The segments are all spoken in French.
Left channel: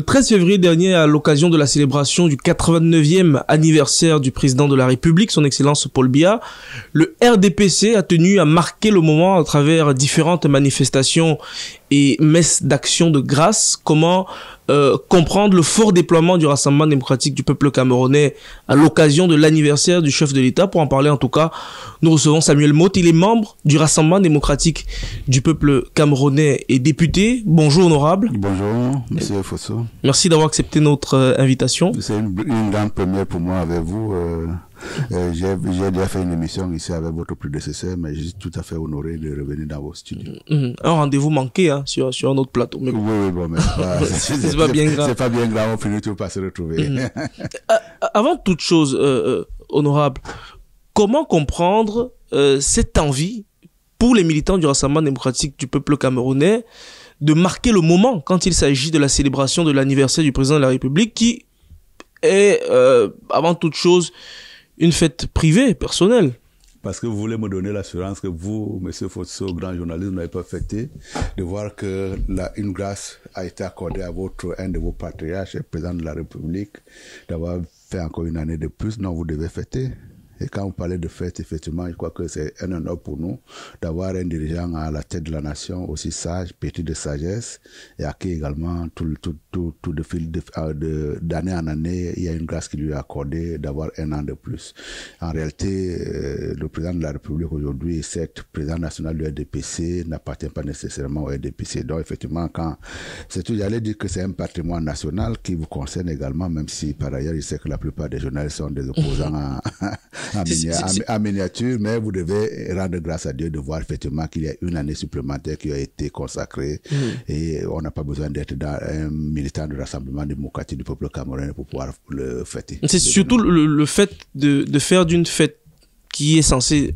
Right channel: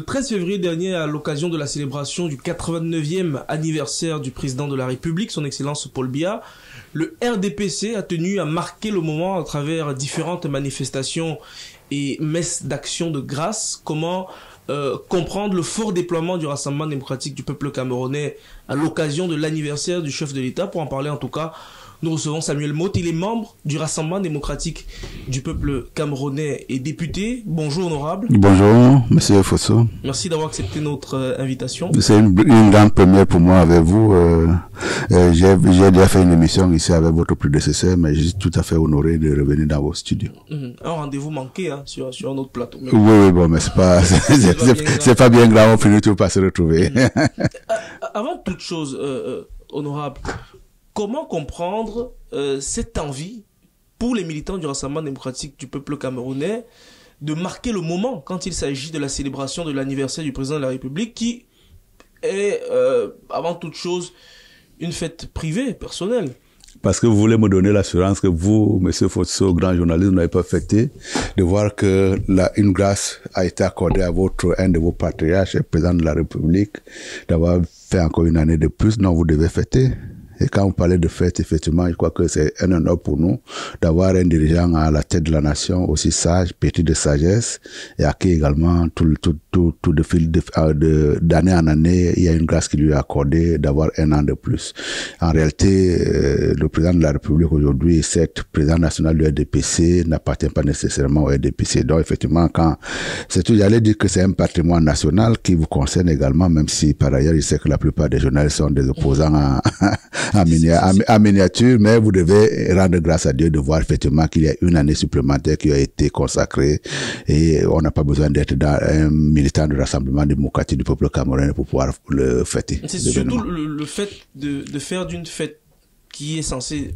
Le 13 février dernier, à l'occasion de la célébration du 89e anniversaire du président de la République, son Excellence Paul Biya, le RDPC a tenu à marquer le moment à travers différentes manifestations et messes d'action de grâce. Comment comprendre le fort déploiement du Rassemblement démocratique du peuple camerounais à l'occasion de l'anniversaire du chef de l'État? Pour en parler en tout cas, nous recevons Samuel Motte. Il est membre du Rassemblement démocratique du peuple camerounais et député. Bonjour honorable. Bonjour monsieur Fosso. Merci d'avoir accepté notre invitation. C'est une grande première pour moi avec vous. J'ai déjà fait une émission ici avec votre prédécesseur, mais je suis tout à fait honoré de revenir dans vos studios. Un rendez-vous manqué hein, sur un autre plateau. Mais... Oui, bon, mais c'est pas bien grave, on finit toujours par se retrouver. Avant toute chose, honorable, comment comprendre cette envie pour les militants du Rassemblement démocratique du peuple camerounais de marquer le moment quand il s'agit de la célébration de l'anniversaire du président de la République, qui est avant toute chose une fête privée, personnelle? Parce que vous voulez me donner l'assurance que vous, monsieur Fosso, grand journaliste, vous n'avez pas fêté, de voir que une grâce a été accordée à un de vos patriarches, le président de la République, d'avoir fait encore une année de plus. Non, vous devez fêter. Et quand vous parlez de fête, effectivement, je crois que c'est un honneur pour nous d'avoir un dirigeant à la tête de la nation aussi sage, pétri de sagesse, et à qui également tout de fil d'année en année, il y a une grâce qui lui est accordée d'avoir un an de plus. En réalité, le président de la République aujourd'hui, certes, président national du RDPC, n'appartient pas nécessairement au RDPC. Donc, effectivement, j'allais dire que c'est un patrimoine national qui vous concerne également, même si par ailleurs, je sais que la plupart des journalistes sont des opposants en miniature, mais vous devez rendre grâce à Dieu de voir effectivement qu'il y a une année supplémentaire qui a été consacrée et on n'a pas besoin d'être un militant du Rassemblement démocratique du peuple camerounais pour pouvoir le fêter. C'est surtout le fait de faire d'une fête qui est censée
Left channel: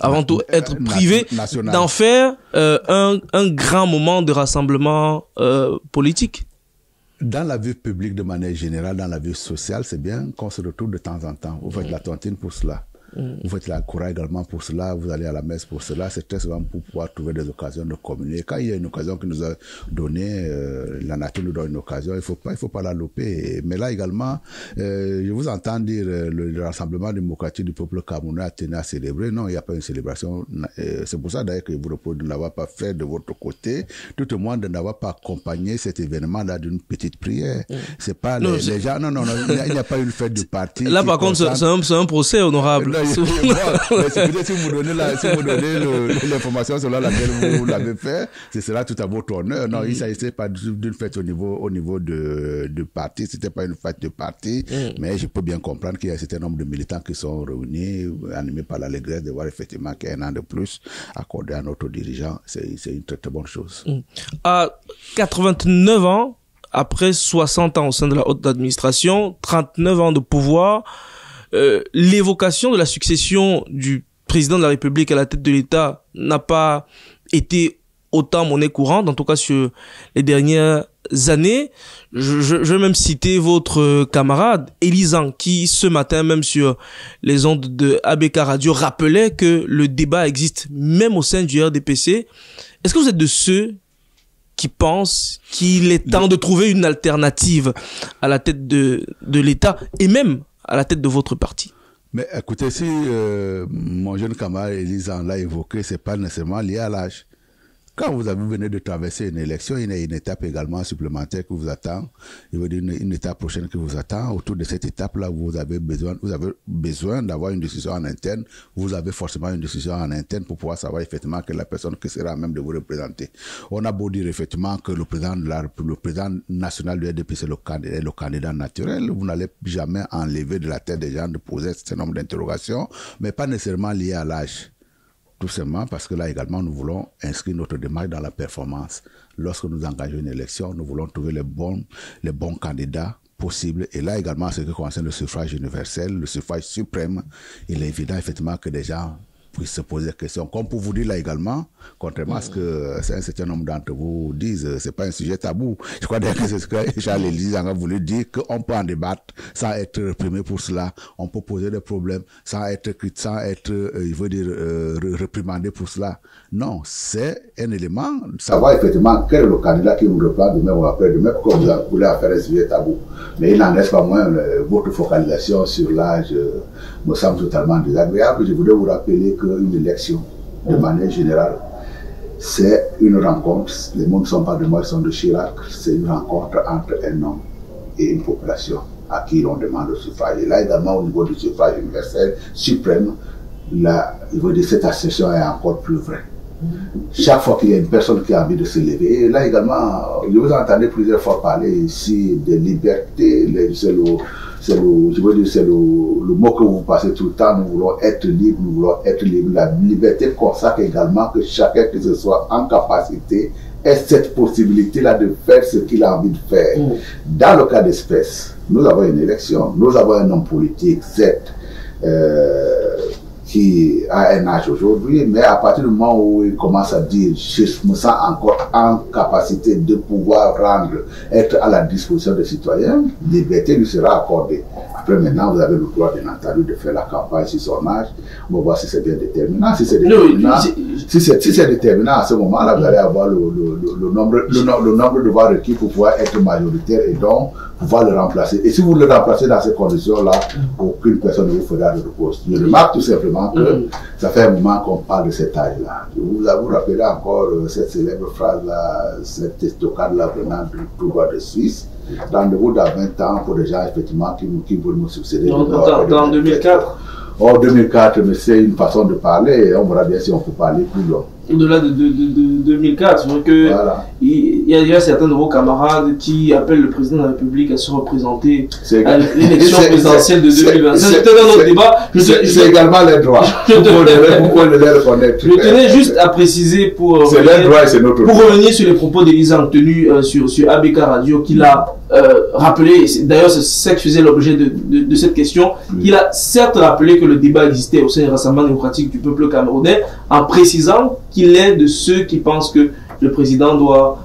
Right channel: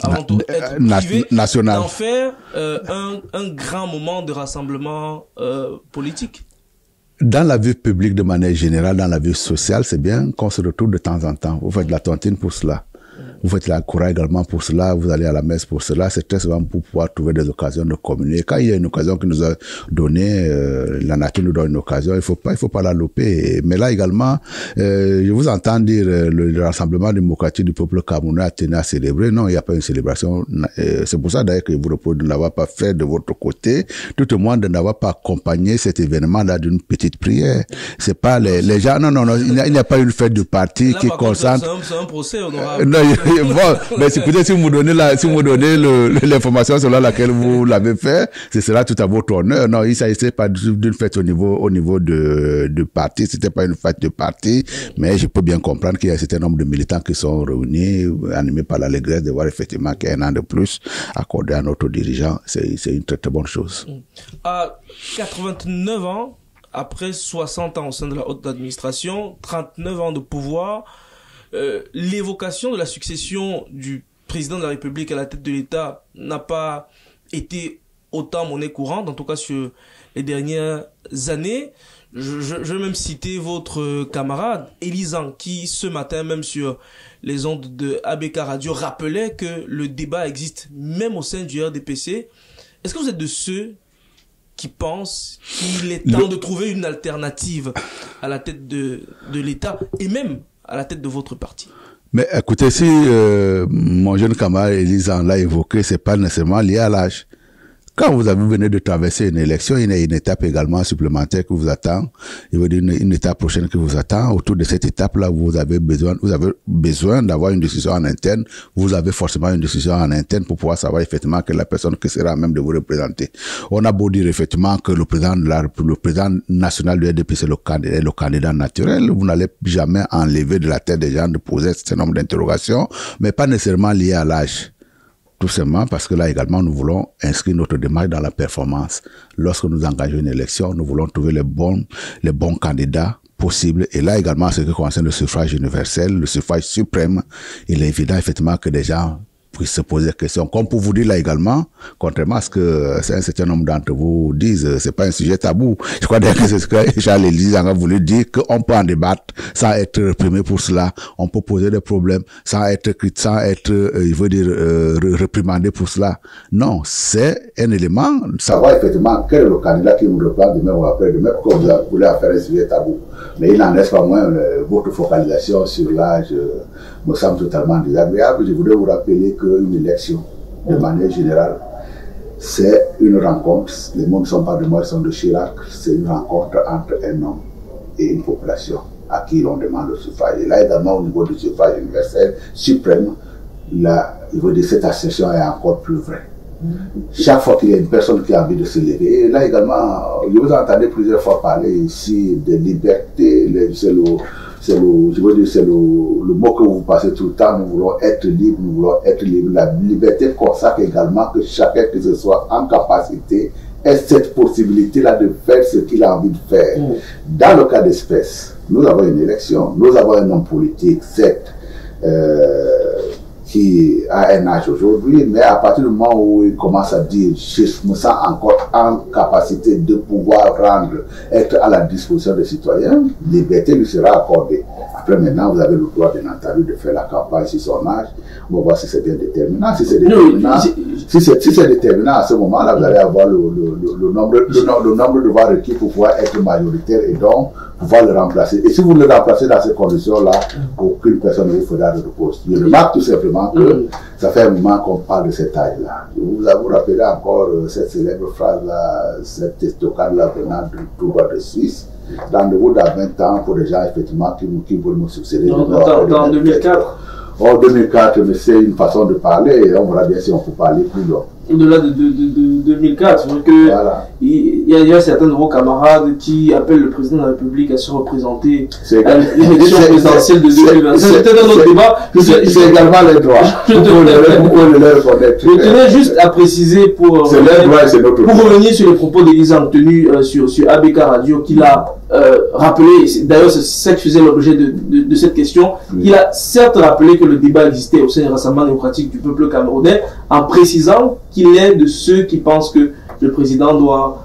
avant tout être privée, d'en faire un grand moment de rassemblement politique. Dans la vie publique de manière générale, dans la vie sociale, c'est bien qu'on se retrouve de temps en temps. Vous faites la tontine pour cela. Vous faites la coura également pour cela, vous allez à la messe pour cela. C'est très souvent pour pouvoir trouver des occasions de communier. Quand il y a une occasion qui nous a donné, la nature nous donne une occasion, il faut pas la louper. Mais là également, je vous entends dire le Rassemblement démocratique du peuple camerounais a tenu à célébrer. Non, il n'y a pas une célébration. C'est pour ça d'ailleurs que vous reposez de n'avoir pas fait de votre côté, tout au moins de n'avoir pas accompagné cet événement-là d'une petite prière. C'est pas les gens. Non, il n'y a pas une fête de parti. Là, par contre, c'est un procès honorable. Bon, mais écoutez, si vous donnez l'information selon laquelle vous l'avez fait, ce sera tout à votre honneur. Non, il ne s'agissait pas d'une fête au niveau de parti, c'était pas une fête de parti, mais je peux bien comprendre qu'il y a un certain nombre de militants qui sont réunis, animés par l'allégresse de voir effectivement qu'il y a un an de plus accordé à notre dirigeant. C'est une très très bonne chose. À 89 ans, après 60 ans au sein de la haute administration, 39 ans de pouvoir, l'évocation de la succession du président de la République à la tête de l'État n'a pas été autant monnaie courante, en tout cas sur les dernières années. Je vais même citer votre camarade Elisan, qui ce matin même sur les ondes de ABK Radio rappelait que le débat existe même au sein du RDPC. Est-ce que vous êtes de ceux qui pensent qu'il est temps de trouver une alternative à la tête de l'État et même à la tête de votre parti? Mais écoutez, si mon jeune camarade Elisan l'a évoqué, c'est pas nécessairement lié à l'âge. Quand vous venez de traverser une élection, il y a une étape également supplémentaire qui vous attend. Il veut dire une étape prochaine qui vous attend. Autour de cette étape-là, vous avez besoin d'avoir une discussion en interne. Vous avez forcément une discussion en interne pour pouvoir savoir effectivement que la personne qui sera à même de vous représenter. On a beau dire effectivement que le président national du RDP, c'est le candidat naturel. Vous n'allez jamais enlever de la tête des gens de poser un certain nombre d'interrogations, mais pas nécessairement liées à l'âge. Tout simplement parce que là également, nous voulons inscrire notre démarche dans la performance. Lorsque nous engageons une élection, nous voulons trouver les bons candidats possibles. Et là également, ce qui concerne le suffrage universel, le suffrage suprême, il est évident effectivement que des gens puisse se poser des questions. Comme pour vous dire là également, contrairement à ce que un certain nombre d'entre vous disent, c'est pas un sujet tabou. Je crois d'ailleurs que c'est ce que Jean-Lélis a voulu dire, qu'on peut en débattre sans être réprimé pour cela. On peut poser des problèmes sans être il veut dire, réprimandé pour cela. Non, c'est un élément. Savoir effectivement quel est le candidat qui nous reprend demain ou après-demain, comme vous voulez en faire un sujet tabou. Mais il n'en reste pas moins votre focalisation sur l'âge me semble totalement désagréable. Je voudrais vous rappeler qu'une élection, de manière générale, c'est une rencontre. Les mots ne sont pas de moi, ils sont de Chirac. C'est une rencontre entre un homme et une population à qui l'on demande le suffrage. Et là également, au niveau du suffrage universel suprême, là, il veut dire cette assertion est encore plus vraie. Chaque fois qu'il y a une personne qui a envie de se lever, et là également, je vous entendais plusieurs fois parler ici de liberté, c'est le mot que vous passez tout le temps, nous voulons être libres, nous voulons être libres. La liberté consacre également que chacun que ce soit en capacité ait cette possibilité-là de faire ce qu'il a envie de faire. Dans le cas d'espèce, nous avons une élection, nous avons un homme politique, certes, qui a un âge aujourd'hui, mais à partir du moment où il commence à dire je me sens encore en capacité de pouvoir être à la disposition des citoyens, liberté lui sera accordée. Après maintenant, vous avez le droit bien entendu de faire la campagne sur son âge. On va voir si c'est bien déterminant. Si c'est déterminant, si c'est déterminant à ce moment-là, vous allez avoir le nombre de voix requis pour pouvoir être majoritaire et donc pouvoir le remplacer. Et si vous le remplacez dans ces conditions-là, aucune personne ne vous fera de repose. Je remarque tout simplement que ça fait un moment qu'on parle de cet âge-là. Vous rappelez encore cette célèbre phrase-là, cette estocade-là venant du tout droit de Suisse. Rendez-vous dans 20 ans pour des gens effectivement qui veulent me succéder. Dans 2004. En 2004, mais c'est une façon de parler, et on verra bien si on peut parler plus long. Au-delà de 2004, c'est vrai que il y a certains de vos camarades qui appellent le président de la République à se représenter à l'élection présidentielle de 2025. C'était dans notre débat. C'est également les droits. Vous pouvez les reconnaître. Je tenais juste à préciser pour revenir sur les propos d'Élisa tenus sur ABK Radio, qu'il a rappelé, d'ailleurs c'est ça qui faisait l'objet de cette question, il a certes rappelé que le débat existait au sein du Rassemblement démocratique du peuple camerounais, en précisant qu'il est de ceux qui pensent que le président doit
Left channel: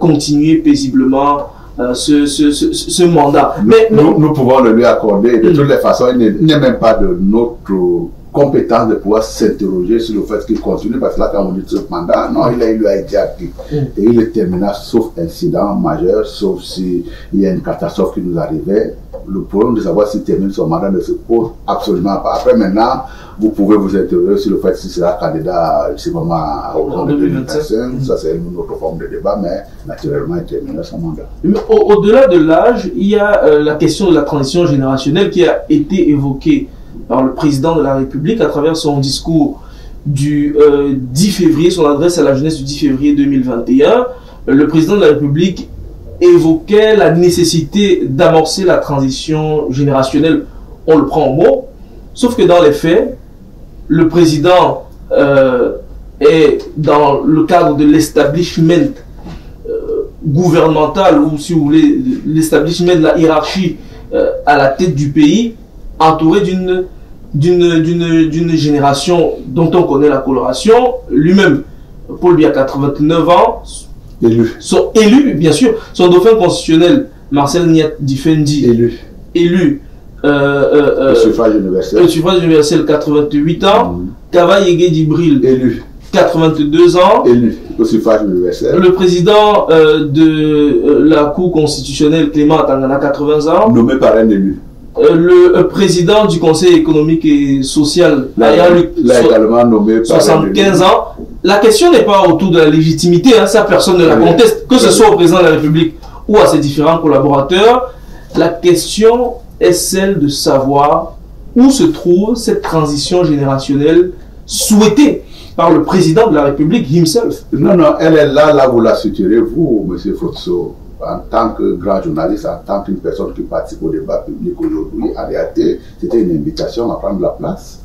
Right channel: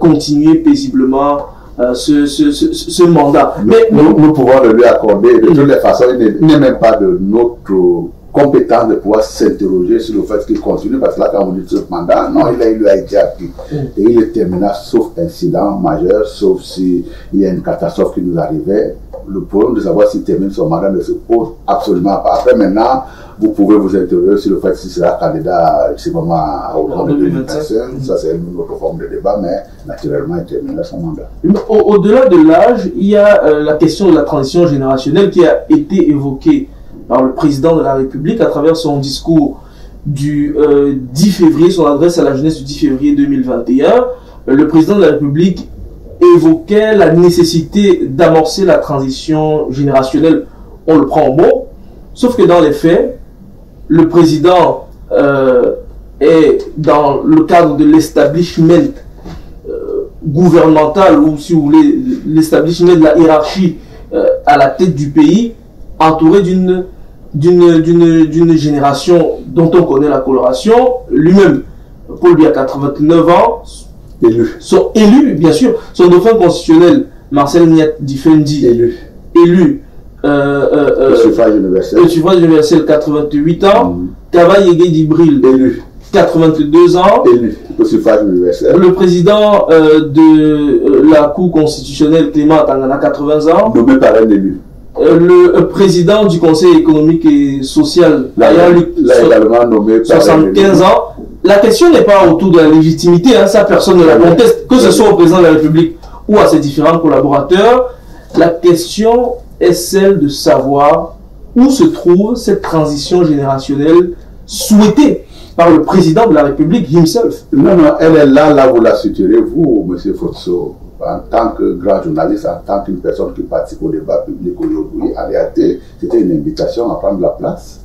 continuer paisiblement ce mandat. Nous pouvons le lui accorder. De toutes les façons, il n'est même pas de notre compétence de pouvoir s'interroger sur le fait qu'il continue, parce que là, quand on dit ce mandat, non, il lui a été acquis. Et il est terminé, sauf incident majeur, sauf s'il y a une catastrophe qui nous arrivait. Le problème de savoir s'il termine son mandat ne se pose absolument pas. Après, maintenant, vous pouvez vous interroger sur le fait s'il sera candidat, je sais pas moi, au 2025. Ça, c'est une autre forme de débat, mais naturellement, il terminera son mandat. Au-delà de l'âge, il y a la question de la transition générationnelle qui a été évoquée par le président de la République à travers son discours du 10 février, son adresse à la jeunesse du 10 février 2021. Le président de la République évoquait la nécessité d'amorcer la transition générationnelle, on le prend au mot, sauf que dans les faits, le président est dans le cadre de l'establishment gouvernemental, ou si vous voulez, l'establishment de la hiérarchie à la tête du pays, entouré d'une génération dont on connaît la coloration. Lui-même, Paul Biya, 89 ans, sont élus, bien sûr. Son dauphin constitutionnel, Marcel Niat Difendi, élu. Le suffrage universel. Le suffrage universel, 88 ans. Kaba Yege Dibril, élu. 82 ans. Élu. Le suffrage universel. Le président de la Cour constitutionnelle, Clément Tangana, 80 ans. Nommé par un élu. Le président du Conseil économique et social, également nommé par 75 ans. La question n'est pas autour de la légitimité, hein, ça personne ne la conteste, que ce soit au président de la République ou à ses différents collaborateurs. La question est celle de savoir où se trouve cette transition générationnelle souhaitée par le président de la République himself. Non, elle est là vous la situerez, vous, M. Fotso. En tant que grand journaliste, en tant qu'une personne qui participe au débat public aujourd'hui, en réalité, c'était une invitation à prendre la place.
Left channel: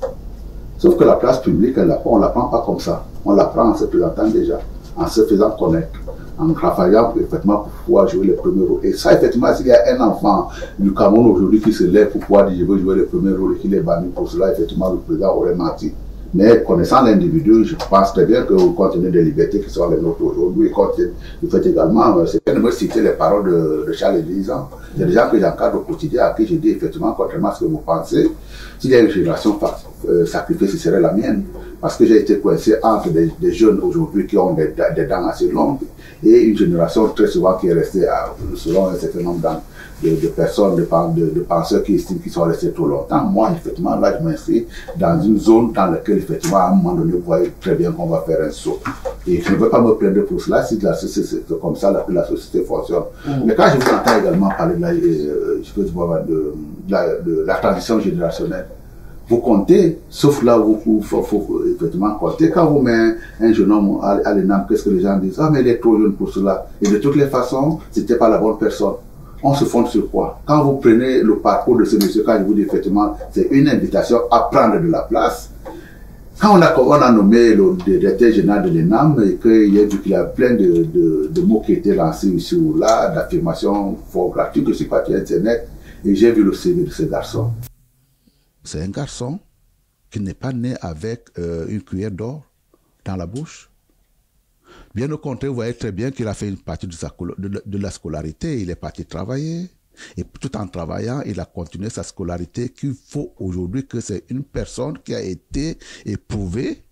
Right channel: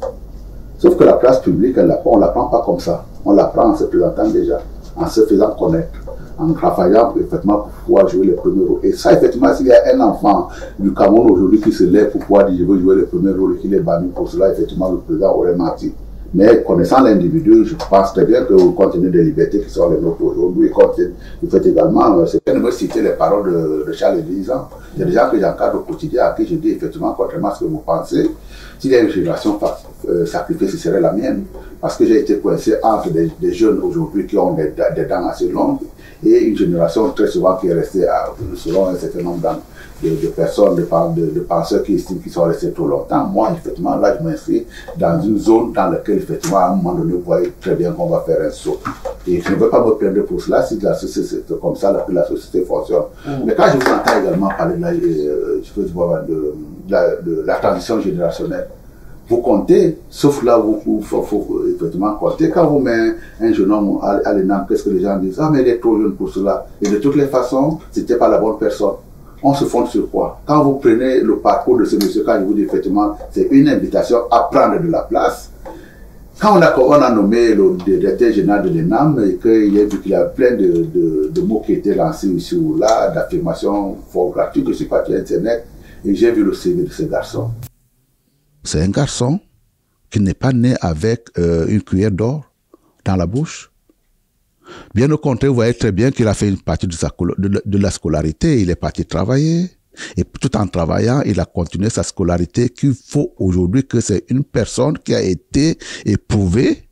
Sauf que la place publique, on ne la prend pas comme ça. On la prend en se présentant déjà, en se faisant connaître, en travaillant effectivement pour pouvoir jouer le premier rôle. Et ça, effectivement, s'il y a un enfant du Cameroun aujourd'hui qui se lève pour pouvoir dire je veux jouer le premier rôle et qu'il est banni pour cela, effectivement, le président aurait menti. Mais connaissant l'individu, je pense très bien que compte tenu des libertés qui sont les nôtres aujourd'hui, vous faites également, c'est bien de me citer les paroles de Charles Elisant. Il y a des gens que j'encadre au quotidien à qui je dis effectivement, contrairement à ce que vous pensez, s'il y a une génération sacrifiée, ce serait la mienne. Parce que j'ai été coincé entre des jeunes aujourd'hui qui ont des dents assez longues et une génération très souvent qui est restée selon un certain nombre de personnes, de penseurs qui estiment qu'ils sont restés trop longtemps. Moi, effectivement, là, je m'inscris dans une zone dans laquelle, effectivement, à un moment donné, vous voyez très bien qu'on va faire un saut. Et je ne veux pas me plaindre pour cela si c'est comme ça que la société fonctionne. Mais quand je vous entends également parler de la transition générationnelle, vous comptez, sauf là où il faut effectivement compter. Quand vous mettez un jeune homme à l'ENAM, qu'est-ce que les gens disent? Ah, mais il est trop jeune pour cela. Et de toutes les façons, c'était pas la bonne personne. On se fonde sur quoi? Quand vous prenez le parcours de ce monsieur, quand je vous dis effectivement, c'est une invitation à prendre de la place. Quand on a nommé le directeur général de l'ENAM et qu'il a vu qu'il y a plein de mots qui étaient lancés ici ou là, d'affirmations fort gratuites, je suis parti à Internet et j'ai vu le CV de ce garçon. C'est un garçon qui n'est pas né avec une cuillère d'or dans la bouche. Bien au contraire, vous voyez très bien qu'il a fait une partie de la scolarité. Il est parti travailler. Et tout en travaillant, il a continué sa scolarité qu'il faut aujourd'hui que c'est une personne qui a été éprouvée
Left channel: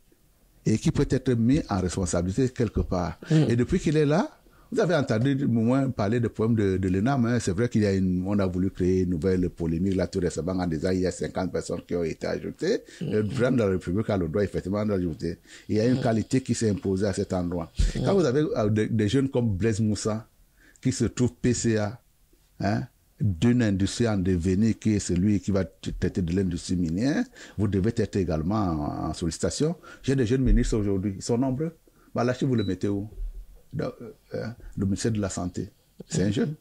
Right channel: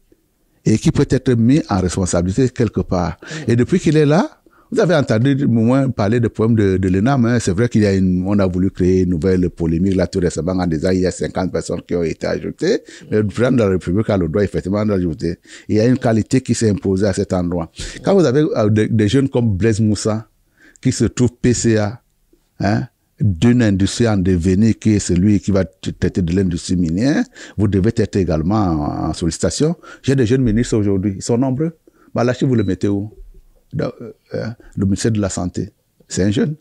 et qui peut être mise en responsabilité quelque part. Et depuis qu'il est là, vous avez entendu moins parler des problèmes de l'ENAM. Hein. C'est vrai qu'on a voulu créer une nouvelle polémique là tout récemment en disant qu'il y a 50 personnes qui ont été ajoutées. Le président de la République a le droit effectivement d'ajouter. Il y a une qualité qui s'est imposée à cet endroit. Quand vous avez des jeunes comme Blaise Moussa qui se trouvent PCA, hein, d'une industrie en devenir qui est celui qui va traiter de l'industrie minière, vous devez être également en sollicitation. J'ai des jeunes ministres aujourd'hui, ils sont nombreux. Malachi, vous le mettez où? Le ministère de la Santé, c'est un jeune.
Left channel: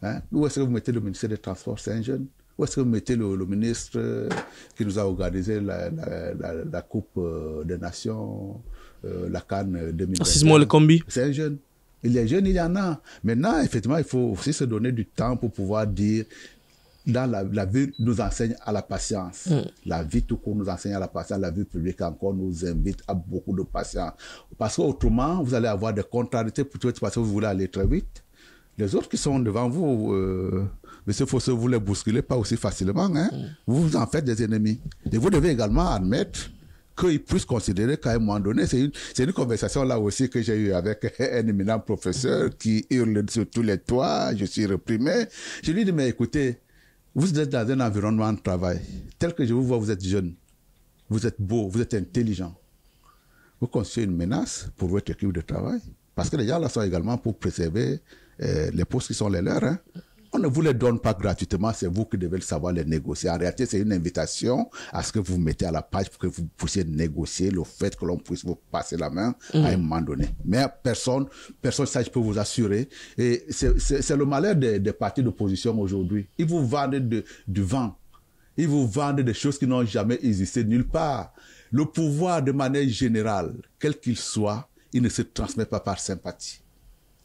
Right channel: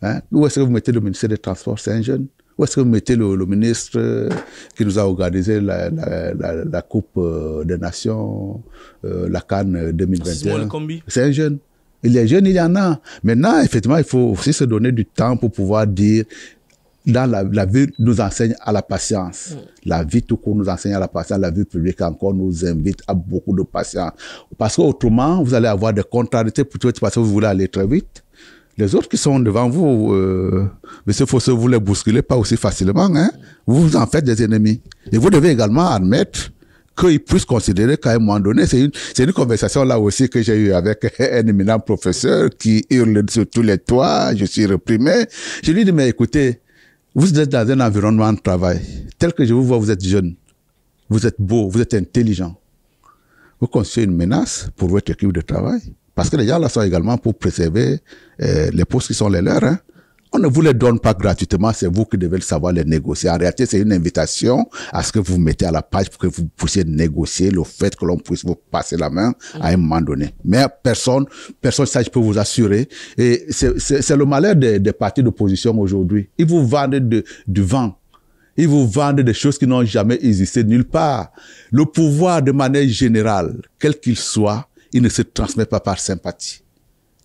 Hein? Où est-ce que vous mettez le ministère des Transports? C'est un jeune. Où est-ce que vous mettez le ministre qui nous a organisé la Coupe des Nations, la CAN 2021? C'est un jeune. Il est jeune, il y en a. Maintenant, effectivement, il faut aussi se donner du temps pour pouvoir dire dans la vie nous enseigne à la patience. La vie tout court nous enseigne à la patience. La vie publique encore nous invite à beaucoup de patience. Parce qu'autrement, vous allez avoir des contrariétés parce que vous voulez aller très vite. Les autres qui sont devant vous, monsieur Fosseux, vous les bousculez pas aussi facilement. Hein? Vous en faites des ennemis. Et vous devez également admettre qu'ils puissent considérer qu'à un moment donné, c'est une conversation là aussi que j'ai eue avec un éminent professeur qui hurle sur tous les toits, je suis reprimé. Je lui dis, mais écoutez, vous êtes dans un environnement de travail. Tel que je vous vois, vous êtes jeune, vous êtes beau, vous êtes intelligent. Vous constituez une menace pour votre équipe de travail. Parce que les gens là sont également pour préserver les postes qui sont les leurs. Hein. On ne vous les donne pas gratuitement, c'est vous qui devez savoir les négocier. En réalité, c'est une invitation à ce que vous mettez à la page pour que vous puissiez négocier le fait que l'on puisse vous passer la main à un moment donné. Mais personne, ça je peux vous assurer. Et c'est le malheur des partis d'opposition aujourd'hui. Ils vous vendent du vent. Ils vous vendent des choses qui n'ont jamais existé nulle part. Le pouvoir, de manière générale, quel qu'il soit, il ne se transmet pas par sympathie.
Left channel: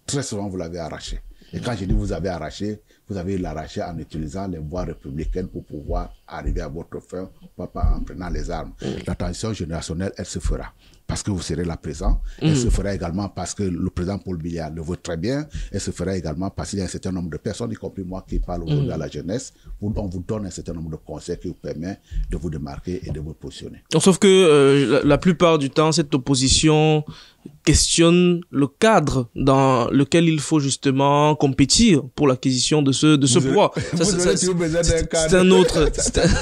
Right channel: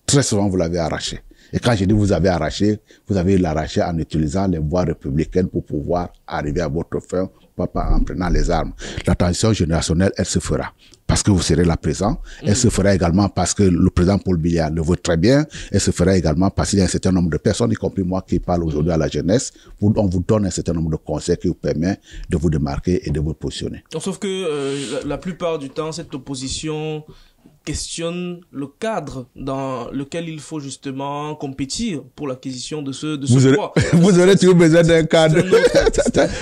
Très souvent, vous l'avez arraché. Et quand je dis vous avez arraché, vous avez l'arraché en utilisant les voies républicaines pour pouvoir arriver à votre fin, pas en prenant les armes. La transition générationnelle, elle se fera parce que vous serez là présent. Elle se fera également parce que le président Paul Biya le veut très bien. Elle se fera également parce qu'il y a un certain nombre de personnes, y compris moi qui parle aujourd'hui à la jeunesse. On vous donne un certain nombre de conseils qui vous permettent de vous démarquer et de vous positionner. Sauf que la plupart du temps, cette opposition questionne le cadre dans lequel il faut justement compétir pour l'acquisition de ce poids. Vous aurez toujours besoin d'un cadre. C'est un autre.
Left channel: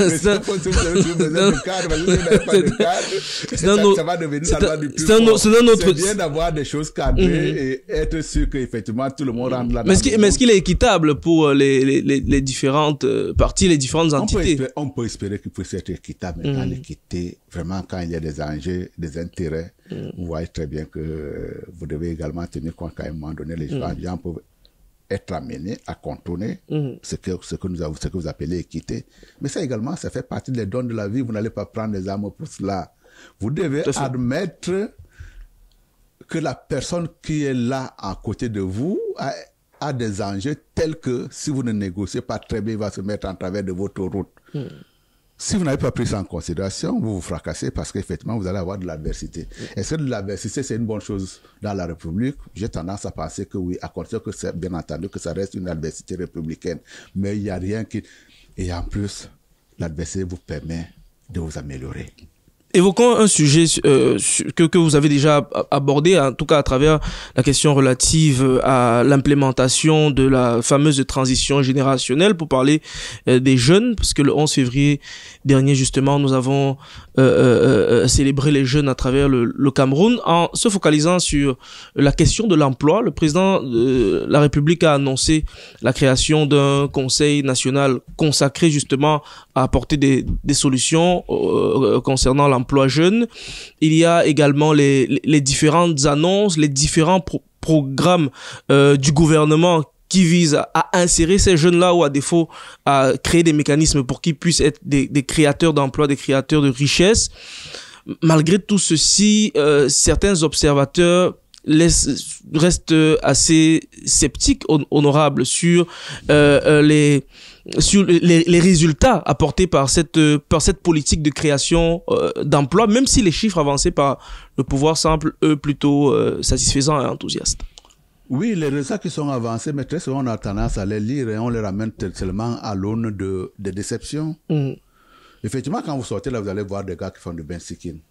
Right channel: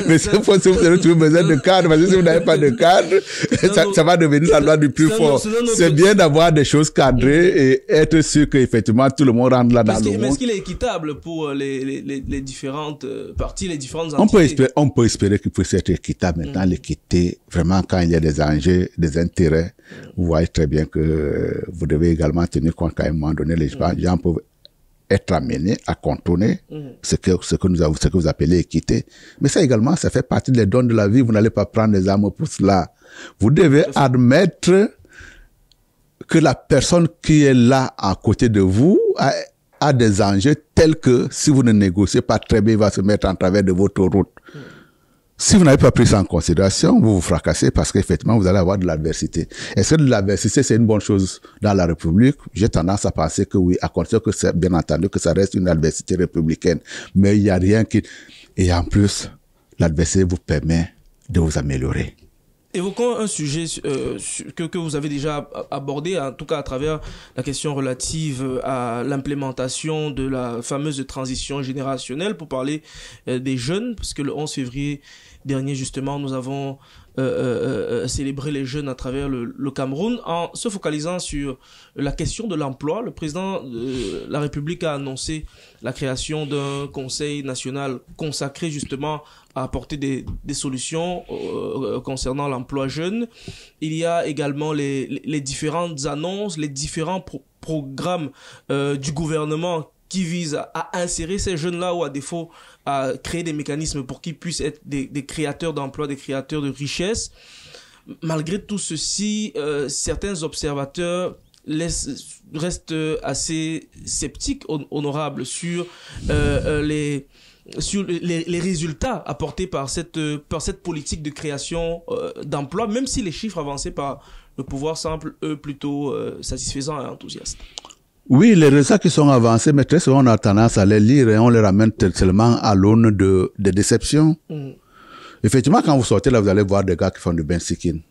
Mais vous aurez toujours besoin de cadre. Parce que si vous n'avez pas de cadre, ça va devenir la loi du plus fort. C'est bien d'avoir des choses cadrées et être sûr qu'effectivement tout le monde rentre là-dedans. Mais est-ce qu'il est équitable pour les différentes parties, les différentes entités? On peut espérer qu'il puisse être équitable. Maintenant, l'équité, vraiment, quand il y a des enjeux, des intérêts, vous voyez très bien que vous devez également tenir compte qu'à un moment donné, les gens peuvent être amenés à contourner ce que vous appelez équité. Mais ça également, ça fait partie des dons de la vie. Vous n'allez pas prendre les armes pour cela. Vous devez admettre que la personne qui est là à côté de vous a des enjeux tels que si vous ne négociez pas très bien, il va se mettre en travers de votre route. Si vous n'avez pas pris ça en considération, vous vous fracassez parce qu'effectivement, vous allez avoir de l'adversité. Est-ce que de l'adversité, c'est une bonne chose dans la République? J'ai tendance à penser que oui, à condition que c'est, bien entendu, que ça reste une adversité républicaine. Mais il n'y a rien qui... Et en plus, l'adversité vous permet de vous améliorer. Évoquons un sujet que vous avez déjà abordé, en tout cas à travers la question relative à l'implémentation de la fameuse transition générationnelle, pour parler des jeunes, parce que le 11 février dernier, justement, nous avons célébré les jeunes à travers le Cameroun. En se focalisant sur la question de l'emploi, le président de la République a annoncé la création d'un conseil national consacré justement à apporter des solutions concernant l'emploi jeune. Il y a également les différentes annonces, les différents programmes du gouvernement qui visent à insérer ces jeunes-là, ou à défaut à créer des mécanismes pour qu'ils puissent être des créateurs d'emplois, des créateurs de richesses. Malgré tout ceci, certains observateurs restent assez sceptiques, honorables, sur les résultats apportés par cette politique de création d'emplois, même si les chiffres avancés par le pouvoir semblent, eux, plutôt satisfaisants et enthousiastes. Oui, les résultats qui sont avancés, mais très souvent on a tendance à les lire et on les ramène seulement à l'aune de déceptions. Effectivement, quand vous sortez là, vous allez voir des gars qui font du bench-seeking.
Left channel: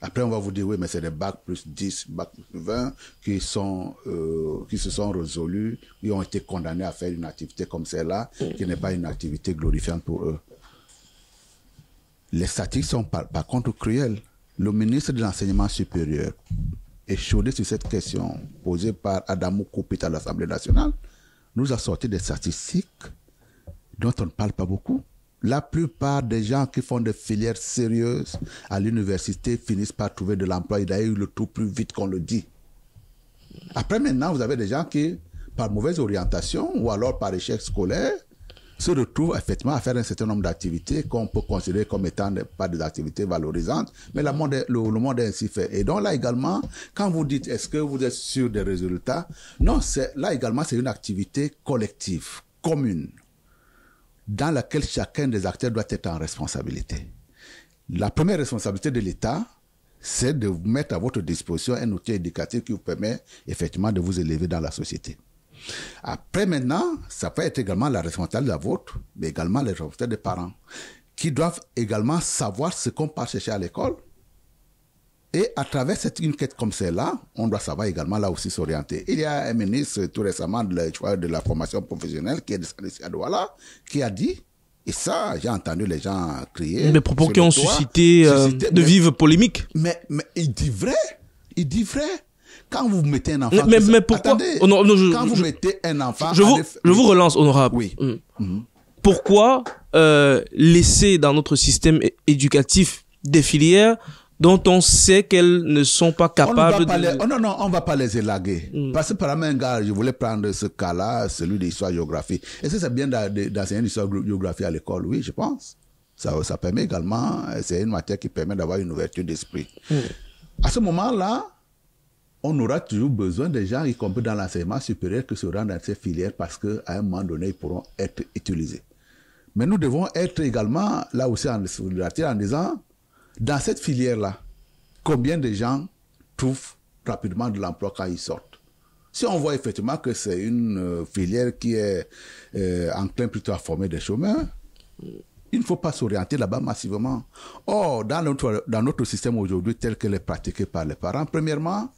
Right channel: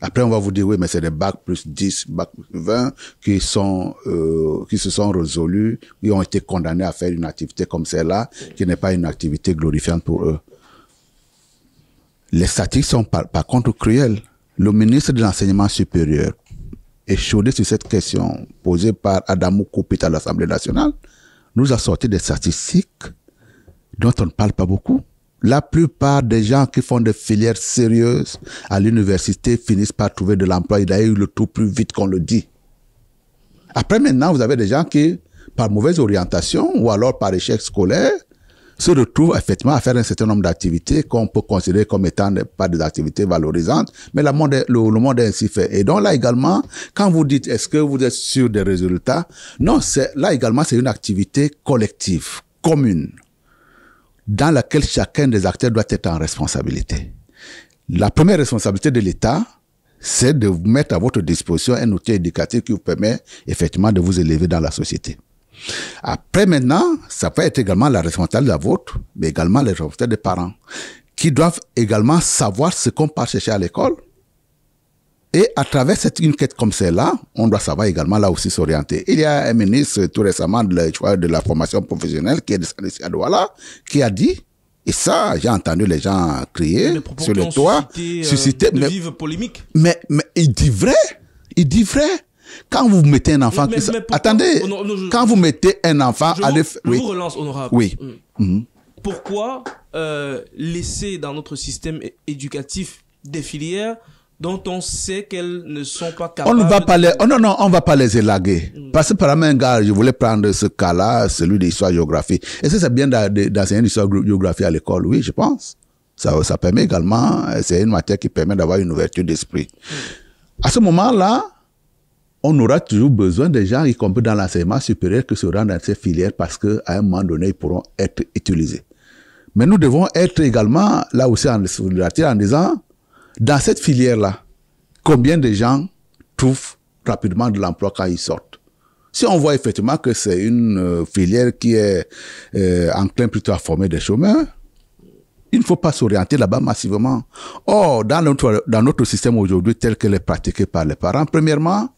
Après, on va vous dire, oui, mais c'est des bacs plus 10, bacs plus 20 qui se sont résolus, qui ont été condamnés à faire une activité comme celle-là, qui n'est pas une activité glorifiante pour eux. Les statistiques sont par contre cruelles. Le ministre de l'Enseignement supérieur échaudé sur cette question posée par Adamou Koupit à l'Assemblée nationale, nous a sorti des statistiques dont on ne parle pas beaucoup. La plupart des gens qui font des filières sérieuses à l'université finissent par trouver de l'emploi. Il a eu le tout plus vite qu'on le dit. Après, maintenant, vous avez des gens qui, par mauvaise orientation ou alors par échec scolaire, se retrouvent effectivement à faire un certain nombre d'activités qu'on peut considérer comme étant pas des activités valorisantes, mais le monde est ainsi fait. Et donc là également, quand vous dites est-ce que vous êtes sûr des résultats, non, là également c'est une activité collective, commune, dans laquelle chacun des acteurs doit être en responsabilité. La première responsabilité de l'État, c'est de vous mettre à votre disposition un outil éducatif qui vous permet effectivement de vous élever dans la société. Après maintenant, ça peut être également la responsabilité de la vôtre, mais également la responsabilité des parents, qui doivent également savoir ce qu'on part chercher à l'école. Et à travers une quête comme celle-là, on doit savoir également là aussi s'orienter. Il y a un ministre tout récemment de la formation professionnelle qui est descendu ici à Douala, qui a dit, et ça, j'ai entendu les gens crier. Des propos qui ont suscité de vives polémiques. Mais il dit vrai. Il dit vrai. Quand vous mettez un enfant... Attendez, quand vous mettez un enfant... Je vous relance, honorable. Oui. Pourquoi laisser dans notre système éducatif des filières dont on sait qu'elles ne sont pas capables on va pas les élaguer. Parce que par exemple, un gars, je voulais prendre ce cas-là, celui d'histoire-géographie. Est-ce que c'est bien d'enseigner l'histoire-géographie à l'école? Oui, je pense. Ça permet également... C'est une matière qui permet d'avoir une ouverture d'esprit. À ce moment-là, on aura toujours besoin des gens, y compris dans l'enseignement supérieur, qui se rendent dans ces filières parce qu'à un moment donné, ils pourront être utilisés. Mais nous devons être également, là aussi, en disant, dans cette filière-là, combien de gens trouvent rapidement de l'emploi quand ils sortent? Si on voit effectivement que c'est une filière qui est enclin plutôt à former des chômeurs, il ne faut pas s'orienter là-bas massivement. Or, dans notre système aujourd'hui, tel qu'il est pratiqué par les parents, premièrement,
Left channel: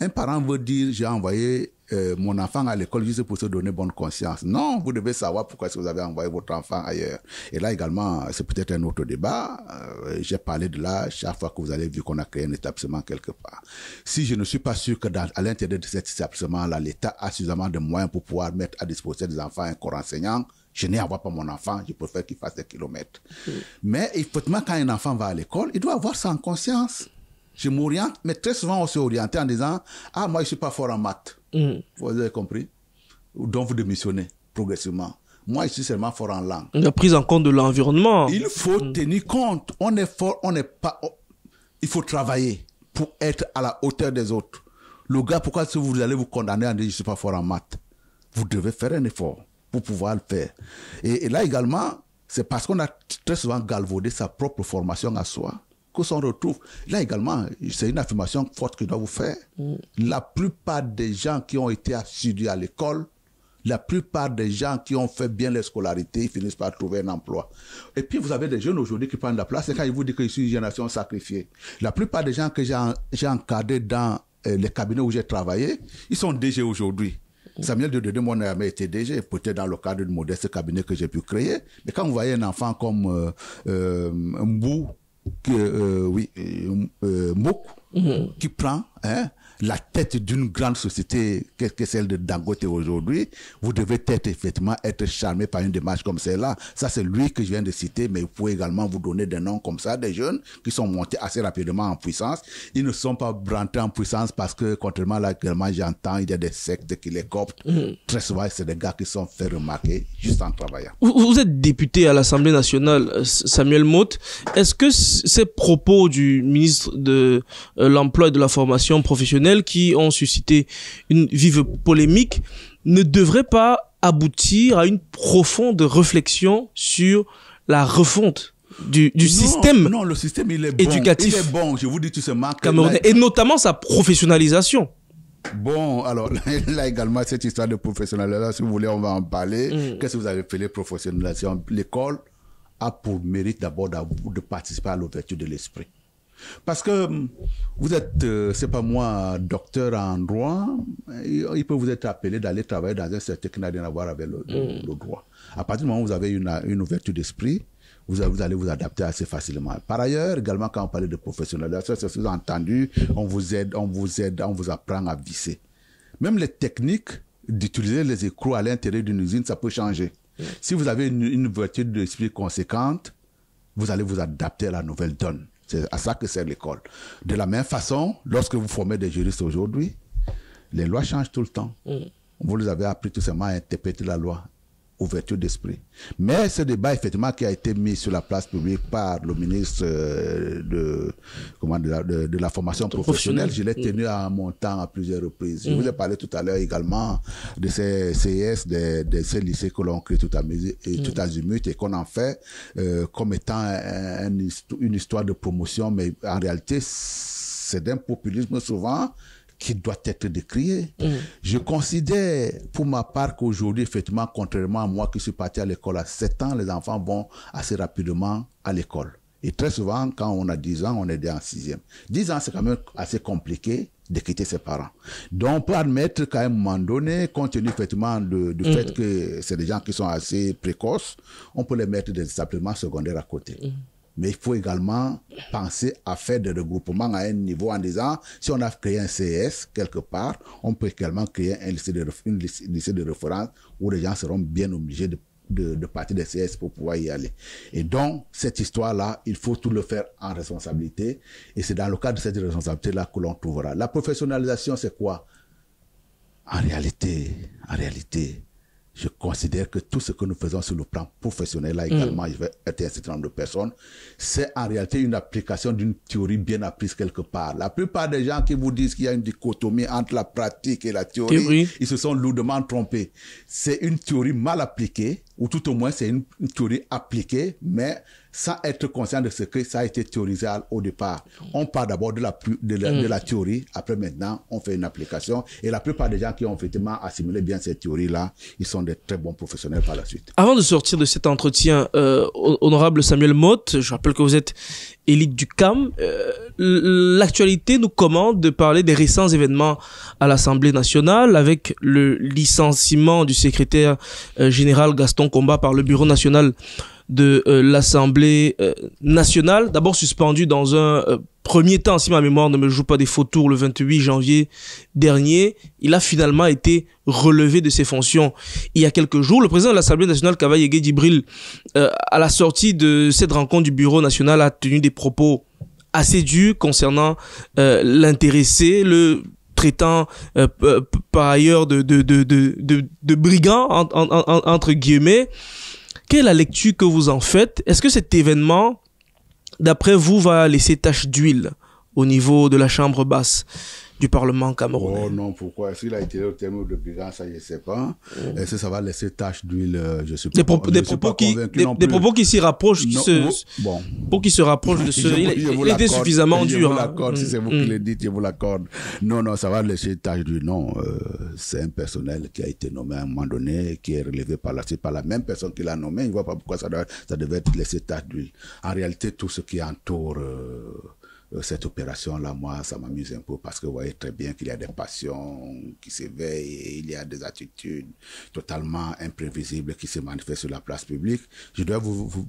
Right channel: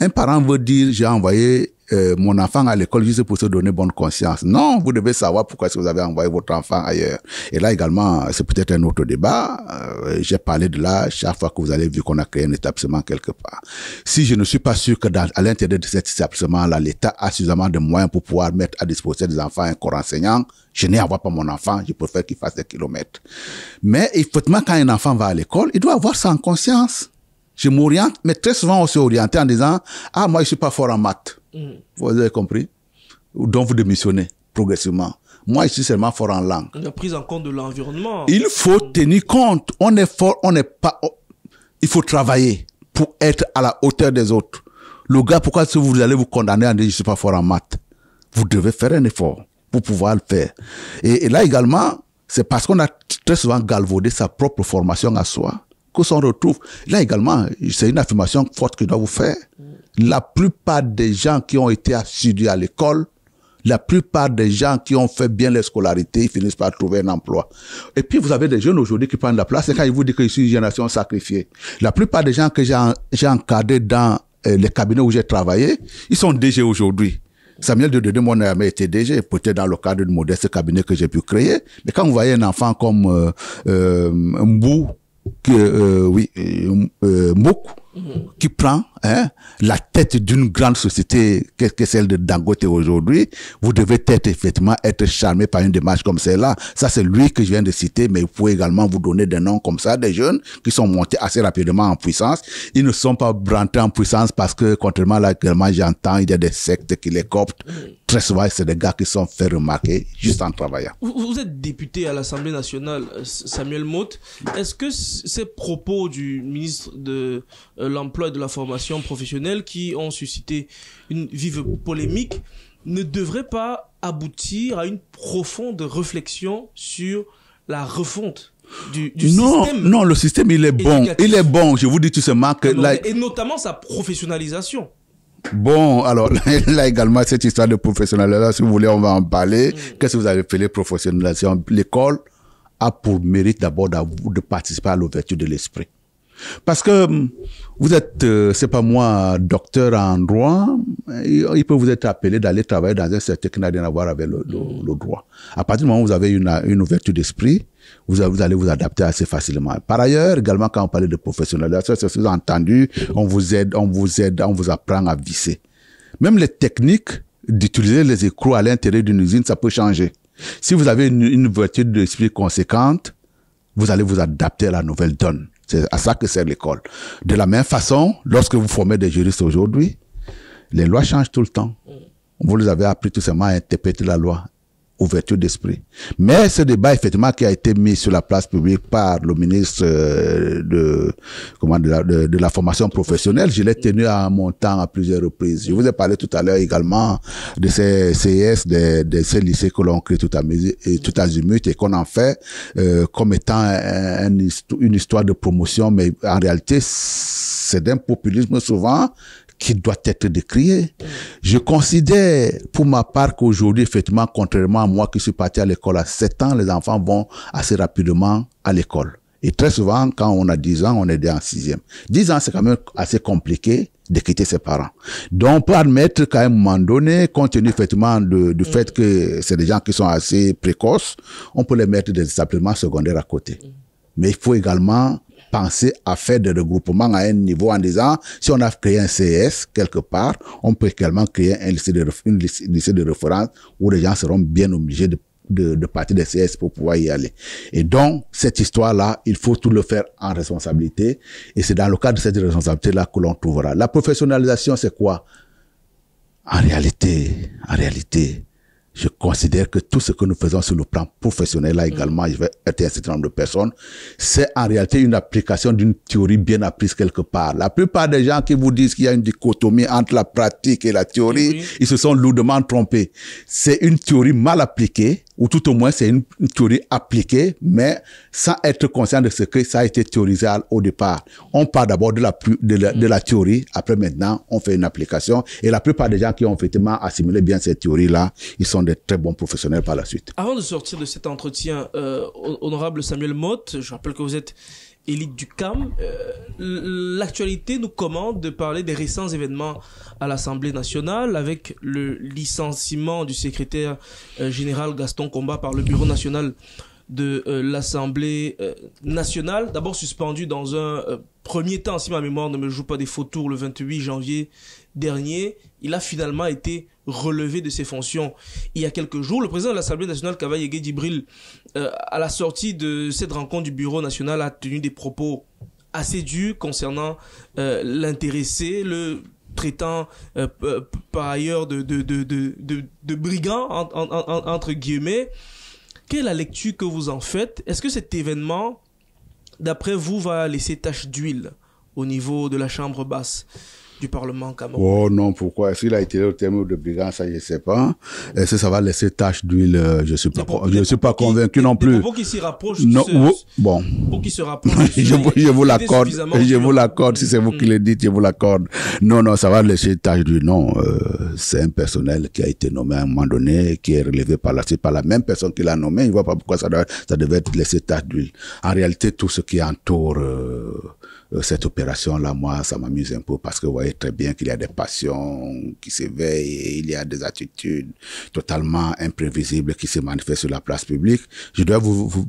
un parent veut dire, j'ai envoyé mon enfant à l'école juste pour se donner bonne conscience. Non, vous devez savoir pourquoi est-ce que vous avez envoyé votre enfant ailleurs. Et là également, c'est peut-être un autre débat. J'ai parlé de là chaque fois que vous allez voir qu'on a créé un établissement quelque part. Si je ne suis pas sûr que à l'intérieur de cet établissement-là, l'État a suffisamment de moyens pour pouvoir mettre à disposition des enfants un corps enseignant, je n'ai à voir pas mon enfant, je préfère qu'il fasse des kilomètres. Mais effectivement, quand un enfant va à l'école, il doit avoir ça en conscience. Je m'oriente, mais très souvent on s'est orienté en disant « Ah, moi je suis pas fort en maths. Vous avez compris? Donc vous démissionnez progressivement. Moi je suis seulement fort en langue. La prise en compte de l'environnement. Il faut tenir compte. On est fort, on n'est pas... Il faut travailler pour être à la hauteur des autres. Le gars, pourquoi est-ce que vous allez vous condamner en disant « Je suis pas fort en maths ?» Vous devez faire un effort pour pouvoir le faire. Et là également, C'est parce qu'on a très souvent galvaudé sa propre formation à soi qu'on s'en retrouve. Là également, c'est une affirmation forte que je dois vous faire. La plupart des gens qui ont été assidus à l'école, la plupart des gens qui ont fait bien leur scolarité, ils finissent par trouver un emploi. Et puis, vous avez des jeunes aujourd'hui qui prennent la place. Et quand ils vous disent que je suis une génération sacrifiée, la plupart des gens que j'ai encadrés dans les cabinets où j'ai travaillé, ils sont DG aujourd'hui. Samuel Dedede, moi, n'a jamais été DG, peut-être dans le cadre de modeste cabinet que j'ai pu créer. Mais quand vous voyez un enfant comme Mbou, Mouk, qui prend la tête d'une grande société que celle de Dangote aujourd'hui, vous devez effectivement être charmé par une démarche comme celle-là. Ça, c'est lui que je viens de citer, mais vous pouvez également vous donner des noms comme ça, des jeunes qui sont montés assez rapidement en puissance. Ils ne sont pas rentrés en puissance parce que, contrairement à là, actuellement, j'entends, il y a des sectes qui les cooptent. Très souvent, c'est des gars qui sont fait remarquer juste en travaillant. Vous êtes député à l'Assemblée nationale, Samuel Motte. Est-ce que ces propos du ministre de l'Emploi et de la Formation professionnelle qui ont suscité une vive polémique ne devraient pas aboutir à une profonde réflexion sur la refonte du système? Non, le système, il est bon. Éducatif. Il est bon, je vous dis tout simplement que... Et notamment sa professionnalisation. Bon, alors là également, cette histoire de professionnalisation, si vous voulez, on va en parler. Qu'est-ce que vous avez appelé professionnalisation? L'école a pour mérite d'abord de participer à l'ouverture de l'esprit. Parce que vous êtes, c'est pas moi, docteur en droit, il peut vous être appelé d'aller travailler dans un secteur qui n'a rien à voir avec le droit. À partir du moment où vous avez une ouverture d'esprit, vous allez vous adapter assez facilement. Par ailleurs, également, quand on parle de professionnalisation, c'est sous-entendu, on vous aide, on vous apprend à visser. Même les techniques d'utiliser les écrous à l'intérieur d'une usine, ça peut changer. Si vous avez une ouverture d'esprit conséquente, vous allez vous adapter à la nouvelle donne. C'est à ça que sert l'école. De la même façon, lorsque vous formez des juristes aujourd'hui, les lois changent tout le temps. Vous les avez appris tout simplement à interpréter la loi. Ouverture d'esprit. Mais ce débat, effectivement, qui a été mis sur la place publique par le ministre de la formation professionnelle, je l'ai tenu à mon temps à plusieurs reprises. Je vous ai parlé tout à l'heure également de ces CES, de ces lycées que l'on crée tout azimut et qu'on en fait comme étant une histoire de promotion, mais en réalité, c'est d'un populisme souvent qui doit être décrié. Je considère pour ma part qu'aujourd'hui, effectivement, contrairement à moi qui suis parti à l'école à 7 ans, les enfants vont assez rapidement à l'école. Et très souvent, quand on a 10 ans, on est déjà en 6e. 10 ans, c'est quand même assez compliqué de quitter ses parents. Donc, on peut admettre qu'à un moment donné, compte tenu effectivement du fait que c'est des gens qui sont assez précoces, on peut les mettre des établissements secondaires à côté. Mais il faut également penser à faire des regroupements à un niveau en disant, si on a créé un CES quelque part, on peut également créer un lycée de référence où les gens seront bien obligés de partir des CES pour pouvoir y aller. Et donc, cette histoire-là, il faut tout le faire en responsabilité. Et c'est dans le cadre de cette responsabilité-là que l'on trouvera. La professionnalisation, c'est quoi? En réalité, je considère que tout ce que nous faisons sur le plan professionnel, là également, je vais être un certain nombre de personnes, c'est en réalité une application d'une théorie bien apprise quelque part. La plupart des gens qui vous disent qu'il y a une dichotomie entre la pratique et la théorie, ils se sont lourdement trompés. C'est une théorie mal appliquée, ou tout au moins c'est une théorie appliquée, mais sans être conscient de ce que ça a été théorisé au départ. On part d'abord de la théorie, après maintenant, on fait une application, et la plupart des gens qui ont effectivement assimilé bien cette théorie-là, ils sont des très bons professionnels par la suite. Avant de sortir de cet entretien, honorable Samuel Motte, je rappelle que vous êtes élite du CAM, l'actualité nous commande de parler des récents événements à l'Assemblée nationale avec le licenciement du secrétaire général Gaston Komba par le Bureau national de l'Assemblée nationale, d'abord suspendu dans un premier temps, si ma mémoire ne me joue pas des faux tours, le 28 janvier dernier. Il a finalement été relevé de ses fonctions il y a quelques jours. Le président de l'Assemblée nationale, Kavaye Djibril, à la sortie de cette rencontre du Bureau national, a tenu des propos assez durs concernant l'intéressé, le traitant par ailleurs de brigand, entre guillemets. Quelle est la lecture que vous en faites? Est-ce que cet événement, d'après vous, va laisser tache d'huile au niveau de la chambre basse du Parlement camerounais? Oh non, pourquoi? S'il a été au terme de brigand, ça, je ne sais pas. Est-ce que ça va laisser tache d'huile? Je ne suis pas convaincu non plus. Des propos qui s'y rapprochent, bon. Pour qui se rapprochent de ceux je vous l'accorde. Je vous dur. l'accorde. Si c'est vous qui le dites, je vous l'accorde. Non, ça va laisser tache d'huile. Non, c'est un personnel qui a été nommé à un moment donné, qui est relevé par la même personne qui l'a nommé. Il ne voit pas pourquoi ça devait laisser tache d'huile. En réalité, tout ce qui entoure cette opération-là, moi, ça m'amuse un peu parce que vous voyez très bien qu'il y a des passions qui s'éveillent et il y a des attitudes totalement imprévisibles qui se manifestent sur la place publique. Je dois vous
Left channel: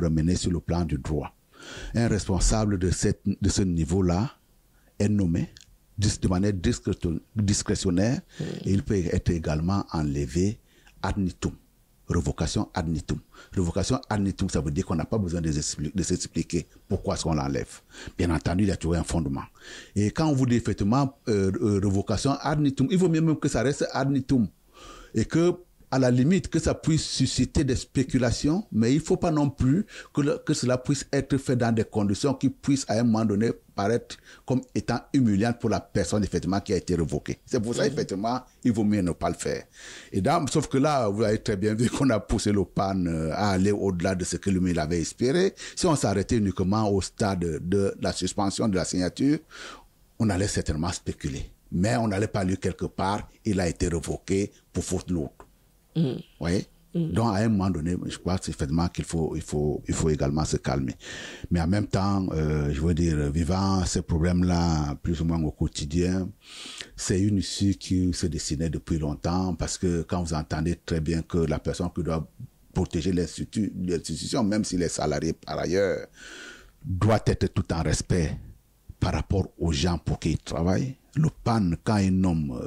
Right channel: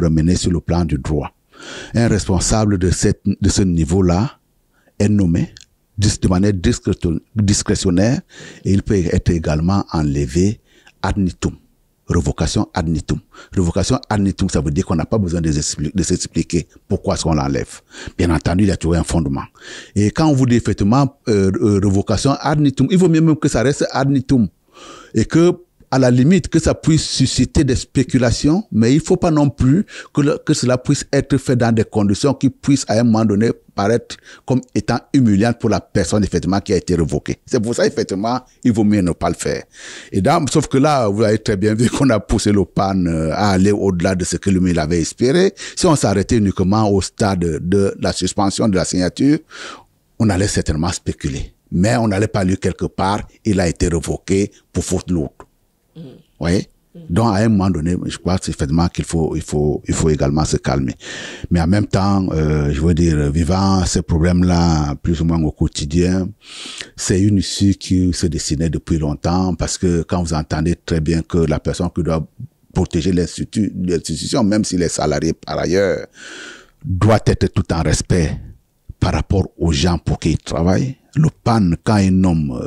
ramener sur le plan du droit. Un responsable de ce niveau-là est nommé de manière discrétionnaire et il peut être également enlevé ad libitum. Révocation ad libitum. Révocation ad libitum, ça veut dire qu'on n'a pas besoin de s'expliquer pourquoi est-ce qu'on l'enlève. Bien entendu, il y a toujours un fondement. Et quand on vous dit effectivement révocation ad libitum, il vaut mieux même que ça reste ad libitum. Et que, à la limite, que ça puisse susciter des spéculations, mais il ne faut pas non plus que cela puisse être fait dans des conditions qui puissent à un moment donné paraître comme étant humiliantes pour la personne effectivement qui a été révoquée. C'est pour ça effectivement il vaut mieux ne pas le faire. Et sauf que là vous avez très bien vu qu'on a poussé le PAN à aller au-delà de ce que lui avait espéré. Si on s'arrêtait uniquement au stade de la suspension de la signature, on allait certainement spéculer. Mais on n'allait pas lui quelque part, il a été révoqué pour faute lourde. Vous voyez? Donc, à un moment donné, je crois effectivement qu'il faut également se calmer. Mais en même temps, je veux dire, vivant ces problèmes-là, plus ou moins au quotidien, c'est une issue qui se dessinait depuis longtemps parce que quand vous entendez très bien que la personne qui doit protéger l'institution, même s'il est salarié par ailleurs, doit être tout en respect par rapport aux gens pour qui il travaille. Le PAN, quand il nomme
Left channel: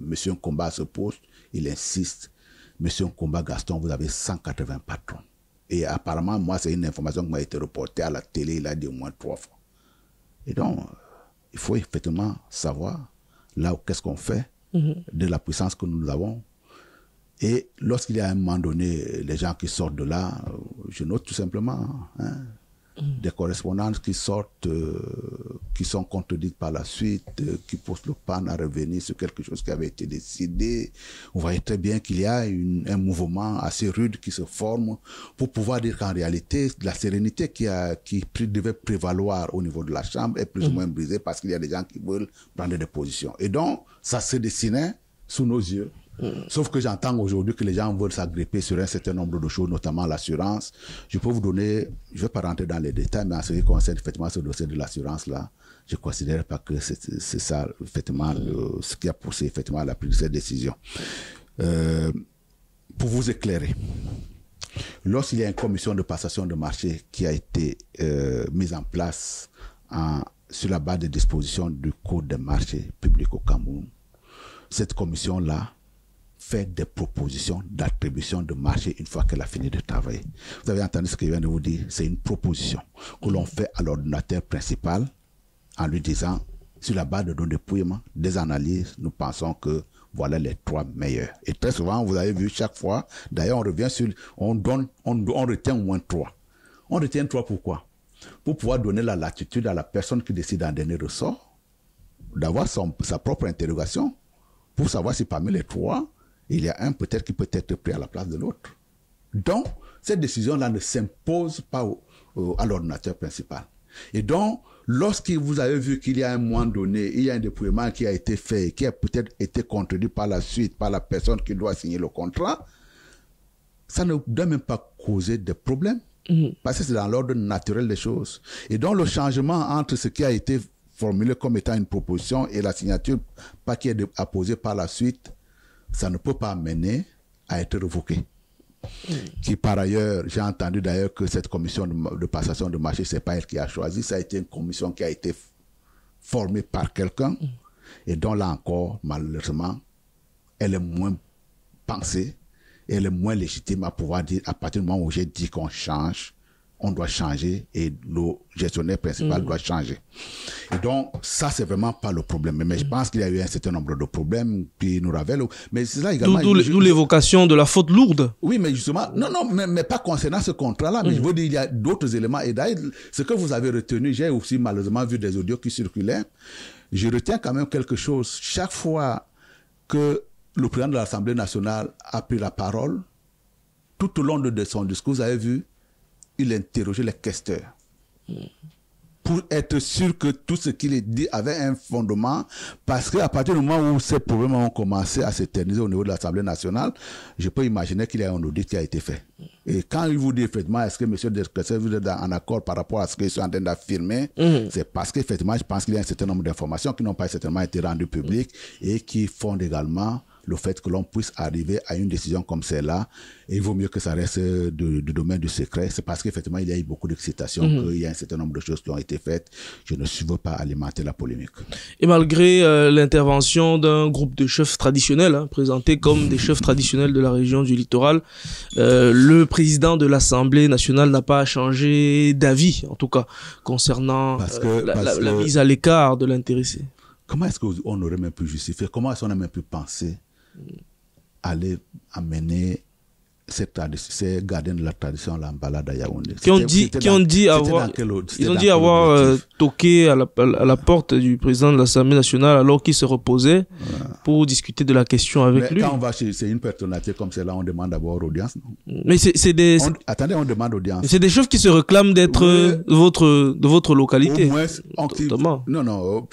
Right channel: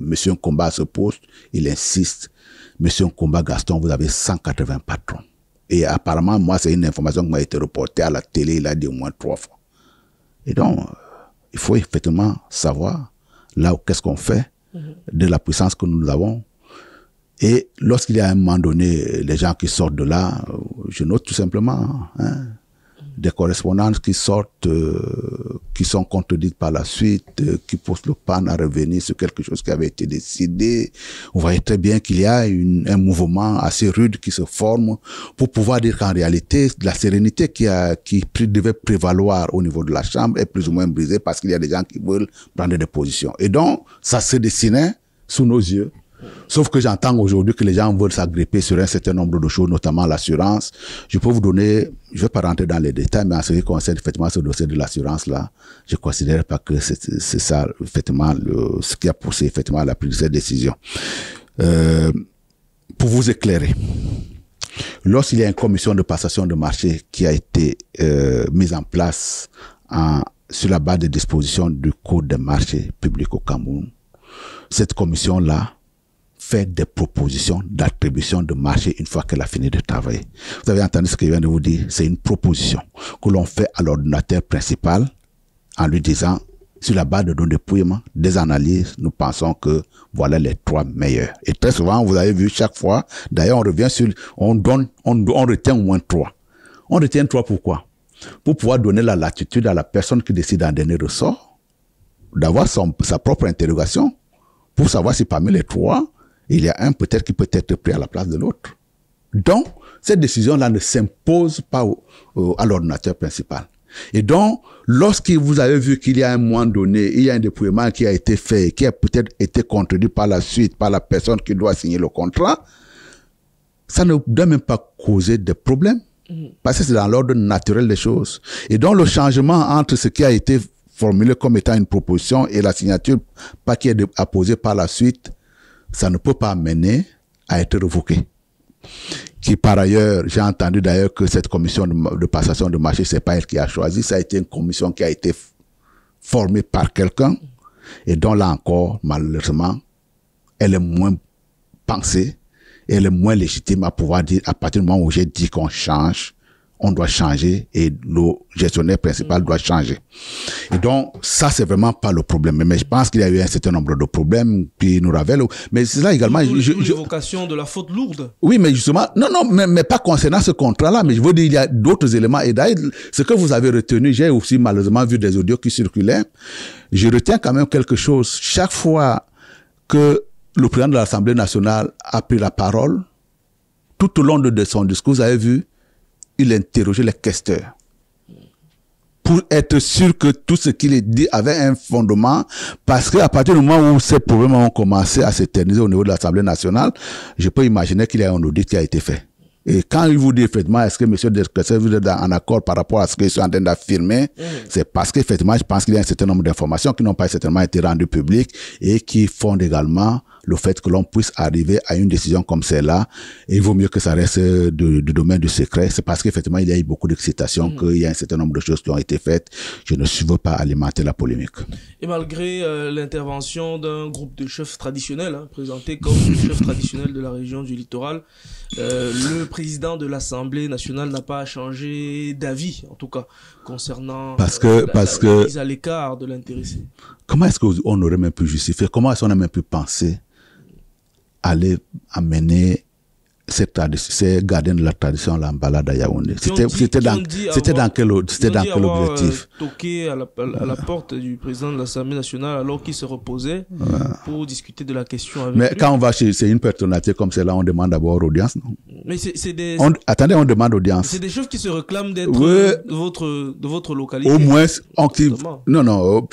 Monsieur Nkomba à ce poste, il insiste. Monsieur Nkomba Gaston, vous avez 180 patrons. Et apparemment, moi, c'est une information qui m'a été reportée à la télé, il a dit au moins 3 fois. Et donc, il faut effectivement savoir là où qu'est-ce qu'on fait de la puissance que nous avons. Et lorsqu'il y a un moment donné, les gens qui sortent de là, je note tout simplement des correspondances qui sortent, qui sont contredites par la suite, qui poussent le PAN à revenir sur quelque chose qui avait été décidé. Vous voyez très bien qu'il y a un mouvement assez rude qui se forme pour pouvoir dire qu'en réalité, la sérénité qui devait prévaloir au niveau de la Chambre est plus ou moins brisée parce qu'il y a des gens qui veulent prendre des positions. Et donc, ça se dessinait sous nos yeux. Sauf que j'entends aujourd'hui que les gens veulent s'agripper sur un certain nombre de choses, notamment l'assurance. Je peux vous donner, je ne vais pas rentrer dans les détails, mais en ce qui concerne effectivement ce dossier de l'assurance-là, je ne considère pas que c'est ça, effectivement, ce qui a poussé effectivement à la prise de cette décision. Pour vous éclairer, lorsqu'il y a une commission de passation de marché qui a été mise en place sur la base des dispositions du Code des marchés publics au Cameroun, cette commission-là fait des propositions d'attribution de marché une fois qu'elle a fini de travailler. Vous avez entendu ce que je viens de vous dire, c'est une proposition que l'on fait à l'ordinateur principal en lui disant, sur la base de nos dépouillements, des analyses, nous pensons que voilà les 3 meilleurs. Et très souvent, vous avez vu chaque fois, d'ailleurs on revient sur, on retient au moins 3. On retient 3 pourquoi? Pour pouvoir donner la latitude à la personne qui décide en dernier ressort, d'avoir sa propre interrogation, pour savoir si parmi les 3, il y a un peut-être qui peut être pris à la place de l'autre. Donc, cette décision-là ne s'impose pas à l'ordinateur principal. Et donc, lorsque vous avez vu qu'il y a un moment donné, il y a un dépouillement qui a été fait, qui a peut-être été contredit par la suite, par la personne qui doit signer le contrat, ça ne doit même pas causer de problèmes. Parce que c'est dans l'ordre naturel des choses. Et donc, le changement entre ce qui a été formulé comme étant une proposition et la signature qui est apposée par la suite, ça ne peut pas amener à être révoqué. Qui par ailleurs, j'ai entendu d'ailleurs que cette commission de passation de marché, c'est pas elle qui a choisi, ça a été une commission qui a été formée par quelqu'un et dont là encore, malheureusement, elle est moins pensée, elle est moins légitime à pouvoir dire, à partir du moment où j'ai dit qu'on change, on doit changer et le gestionnaire principal doit changer. Et donc, ça, c'est vraiment pas le problème. Mais je pense qu'il y a eu un certain nombre de problèmes qui nous révèlent. Mais c'est là également... D'où l'évocation de la faute lourde. Oui, mais justement, mais pas concernant ce contrat-là, mais je veux dire, il y a d'autres éléments. Et d'ailleurs, ce que vous avez retenu, j'ai aussi malheureusement vu des audios qui circulaient. Je retiens quand même quelque chose. Chaque fois que le président de l'Assemblée nationale a pris la parole, tout au long de son discours, vous avez vu, il interrogeait les questeurs pour être sûr que tout ce qu'il dit avait un fondement, parce qu'à partir du moment où ces problèmes ont commencé à s'éterniser au niveau de l'Assemblée nationale, je peux imaginer qu'il y a un audit qui a été fait. Et quand il vous dit effectivement, est-ce que M. Desclésser vous êtes en accord par rapport à ce qu'ils sont en train d'affirmer, c'est parce qu'effectivement, je pense qu'il y a un certain nombre d'informations qui n'ont pas certainement été rendues publiques et qui fondent également le fait que l'on puisse arriver à une décision comme celle-là. Et il vaut mieux que ça reste du domaine du secret. C'est parce qu'effectivement, il y a eu beaucoup d'excitation, qu'il y a un certain nombre de choses qui ont été faites. Je ne veux pas alimenter la polémique. Et malgré l'intervention d'un groupe de chefs traditionnels, présentés comme les chefs traditionnels de la région du littoral, le président de l'Assemblée nationale n'a pas changé d'avis, en tout cas, concernant la mise à l'écart de l'intéressé. Comment est-ce qu'on aurait même pu justifier? Comment est-ce qu'on a même pu penser aller amener ces gardiens de la tradition à la balade à Yaoundé? C'était dans quel objectif? Ils ont dit avoir toqué à la porte du président de l'Assemblée nationale alors qu'il se reposait pour discuter de la question avec lui. Mais quand on va chez une personnalité comme celle-là, on demande d'abord audience, non? Mais attendez, on demande audience. C'est des chefs qui se réclament d'être de votre localité. Au moins, non.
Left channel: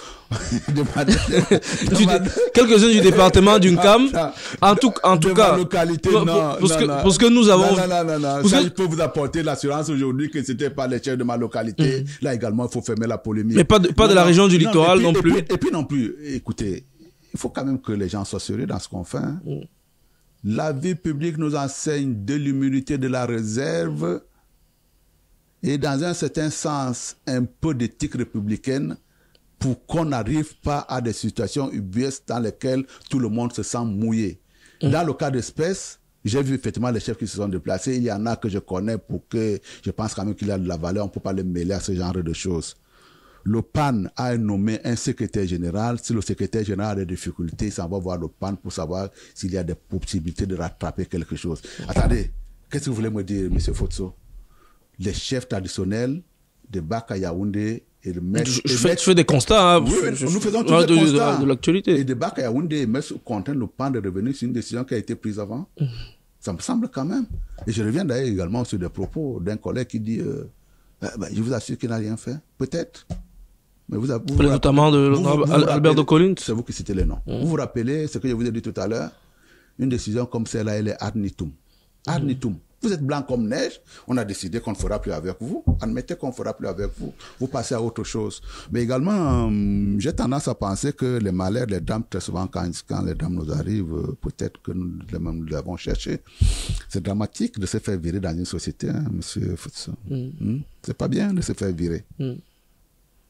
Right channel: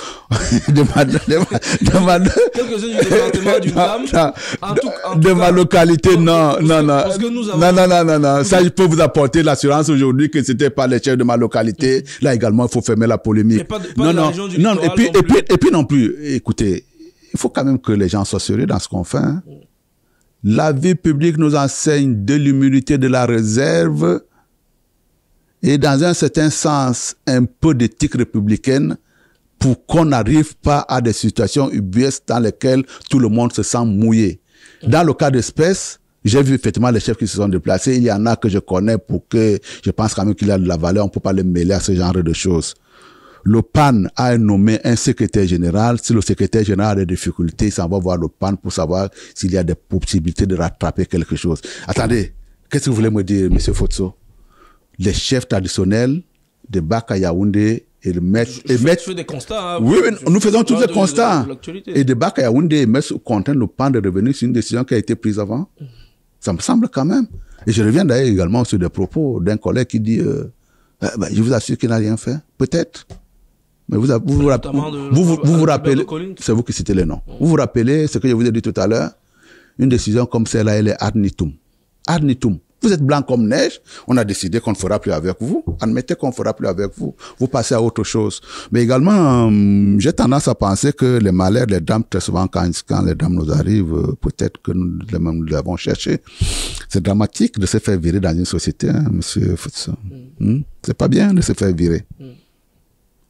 demande... Quelques-uns du département d'une CAM. En tout cas, ma localité, non. Parce que nous avons... Non. Ça, je peux vous apporter l'assurance aujourd'hui que c'était pas les chefs de ma localité. Là également, il faut fermer la polémique. Et pas de la région du littoral non plus. Et puis non plus, écoutez, il faut quand même que les gens soient sérieux dans ce qu'on fait. La vie publique nous enseigne de l'humilité, de la réserve et dans un certain sens, un peu d'éthique républicaine pour qu'on n'arrive pas à des situations ubuesques dans lesquelles tout le monde se sent mouillé. Dans le cas d'espèce, j'ai vu effectivement les chefs qui se sont déplacés. Il y en a que je connais pour que je pense quand même qu'il a de la valeur. On ne peut pas les mêler à ce genre de choses. Le PAN a nommé un secrétaire général. Si le secrétaire général a des difficultés, il s'en va voir le PAN pour savoir s'il y a des possibilités de rattraper quelque chose. Attendez, qu'est-ce que vous voulez me dire, M. Fotso? Les chefs traditionnels de Baka Yaoundé et le maître... Je fais des constats. Oui, nous faisons tous les constats. Et de Baka Yaoundé et maître contraint le PAN de revenir sur une décision qui a été prise avant. Ça me semble quand même. Et je reviens d'ailleurs également sur des propos d'un collègue qui dit je vous assure qu'il n'a rien fait. Peut-être. Mais vous notamment de Albert de Collins. C'est vous qui citez les noms. Vous vous rappelez ce que je vous ai dit tout à l'heure? Une décision comme celle-là, elle est ad nitum. Ad nitum. Vous êtes blanc comme neige, on a décidé qu'on ne fera plus avec vous. Admettez qu'on ne fera plus avec vous. Vous passez à autre chose. Mais également, j'ai tendance à penser que les malheurs, les drames, très souvent, quand les drames nous arrivent, peut-être que nous l'avons cherché. C'est dramatique de se faire virer dans une société, monsieur Futson. C'est pas bien de se faire virer.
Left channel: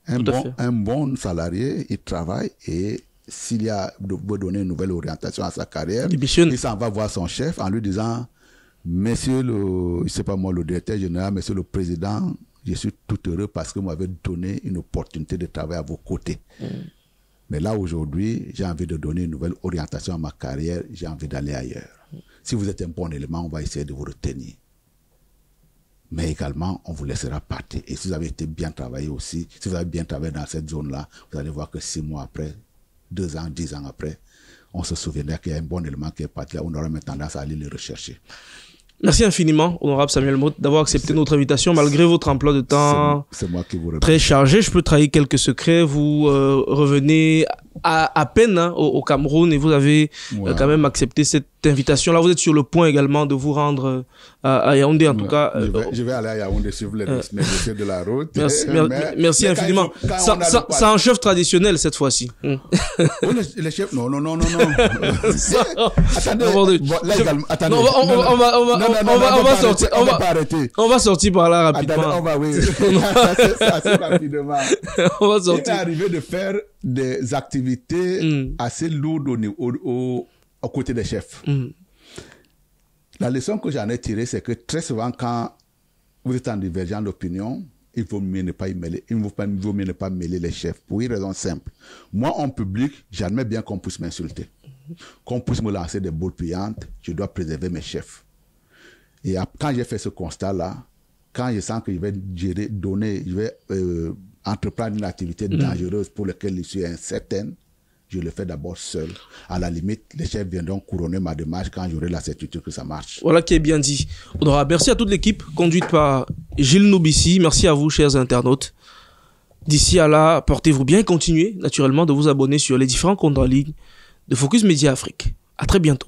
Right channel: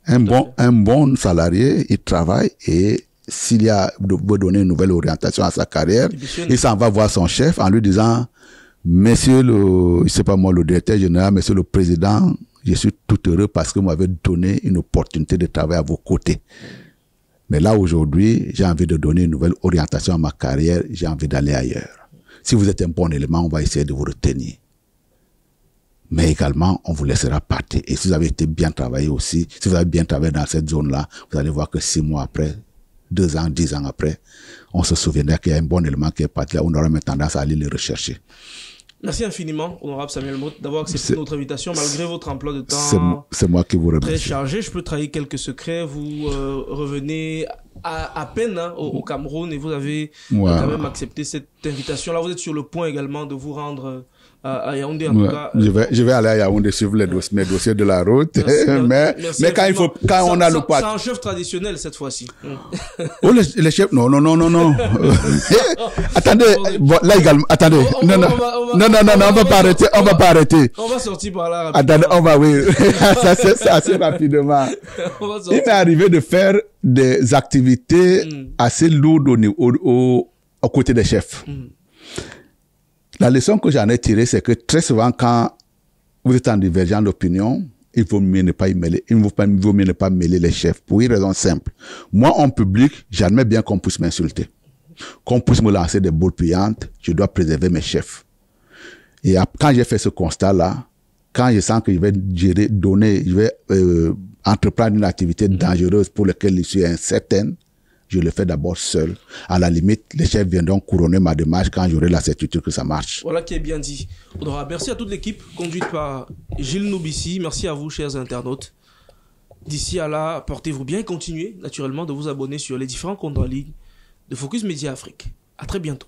Un bon salarié, il travaille et s'il y a veut donner une nouvelle orientation à sa carrière, il s'en va voir son chef en lui disant: Monsieur le directeur général, monsieur le président, je suis tout heureux parce que vous m'avez donné une opportunité de travailler à vos côtés. Mais là, aujourd'hui, j'ai envie de donner une nouvelle orientation à ma carrière, j'ai envie d'aller ailleurs. Si vous êtes un bon élément, on va essayer de vous retenir. Mais également, on vous laissera partir. Et si vous avez été bien travaillé aussi, si vous avez bien travaillé dans cette zone-là, vous allez voir que 6 mois après, 2 ans, 10 ans après, on se souviendra qu'il y a un bon élément qui est parti là, on aura même tendance à aller le rechercher. Merci infiniment, honorable Samuel Motte, d'avoir accepté notre invitation malgré votre emploi de temps. C'est moi qui vous remercie. Très chargé. Je peux trahir quelques secrets. Vous revenez à peine au Cameroun et vous avez quand même accepté cette invitation. Là, vous êtes sur le point également de vous rendre à Yaoundé, en tout cas. Je vais aller à Yaoundé suivre les dossiers de la route. Merci mais infiniment. quand c'est un chef traditionnel cette fois-ci. Oh, les chefs, non. Attendez, là également, attendez. On va pas arrêter. On va sortir par là rapidement. Attendez, on va, oui. C'est assez rapidement. Il m'est arrivé de faire des activités assez lourdes au côté des chefs. La leçon que j'en ai tirée, c'est que très souvent, quand vous êtes en divergence d'opinion, il vaut mieux ne pas y mêler. Il vaut mieux ne pas mêler les chefs. Pour une raison simple. Moi, en public, j'admets bien qu'on puisse m'insulter. Qu'on puisse me lancer des boules puantes, je dois préserver mes chefs. Et quand j'ai fait ce constat-là, quand je sens que je vais entreprendre une activité dangereuse pour laquelle je suis incertaine, je le fais d'abord seul. À la limite, les chefs viendront couronner ma démarche quand j'aurai la certitude que ça marche. Voilà qui est bien dit. Merci à toute l'équipe conduite par Gilles Noubissi. Merci à vous, chers internautes. D'ici à là, portez-vous bien et continuez naturellement de vous abonner sur les différents comptes en ligne de Focus Média Afrique. À très bientôt.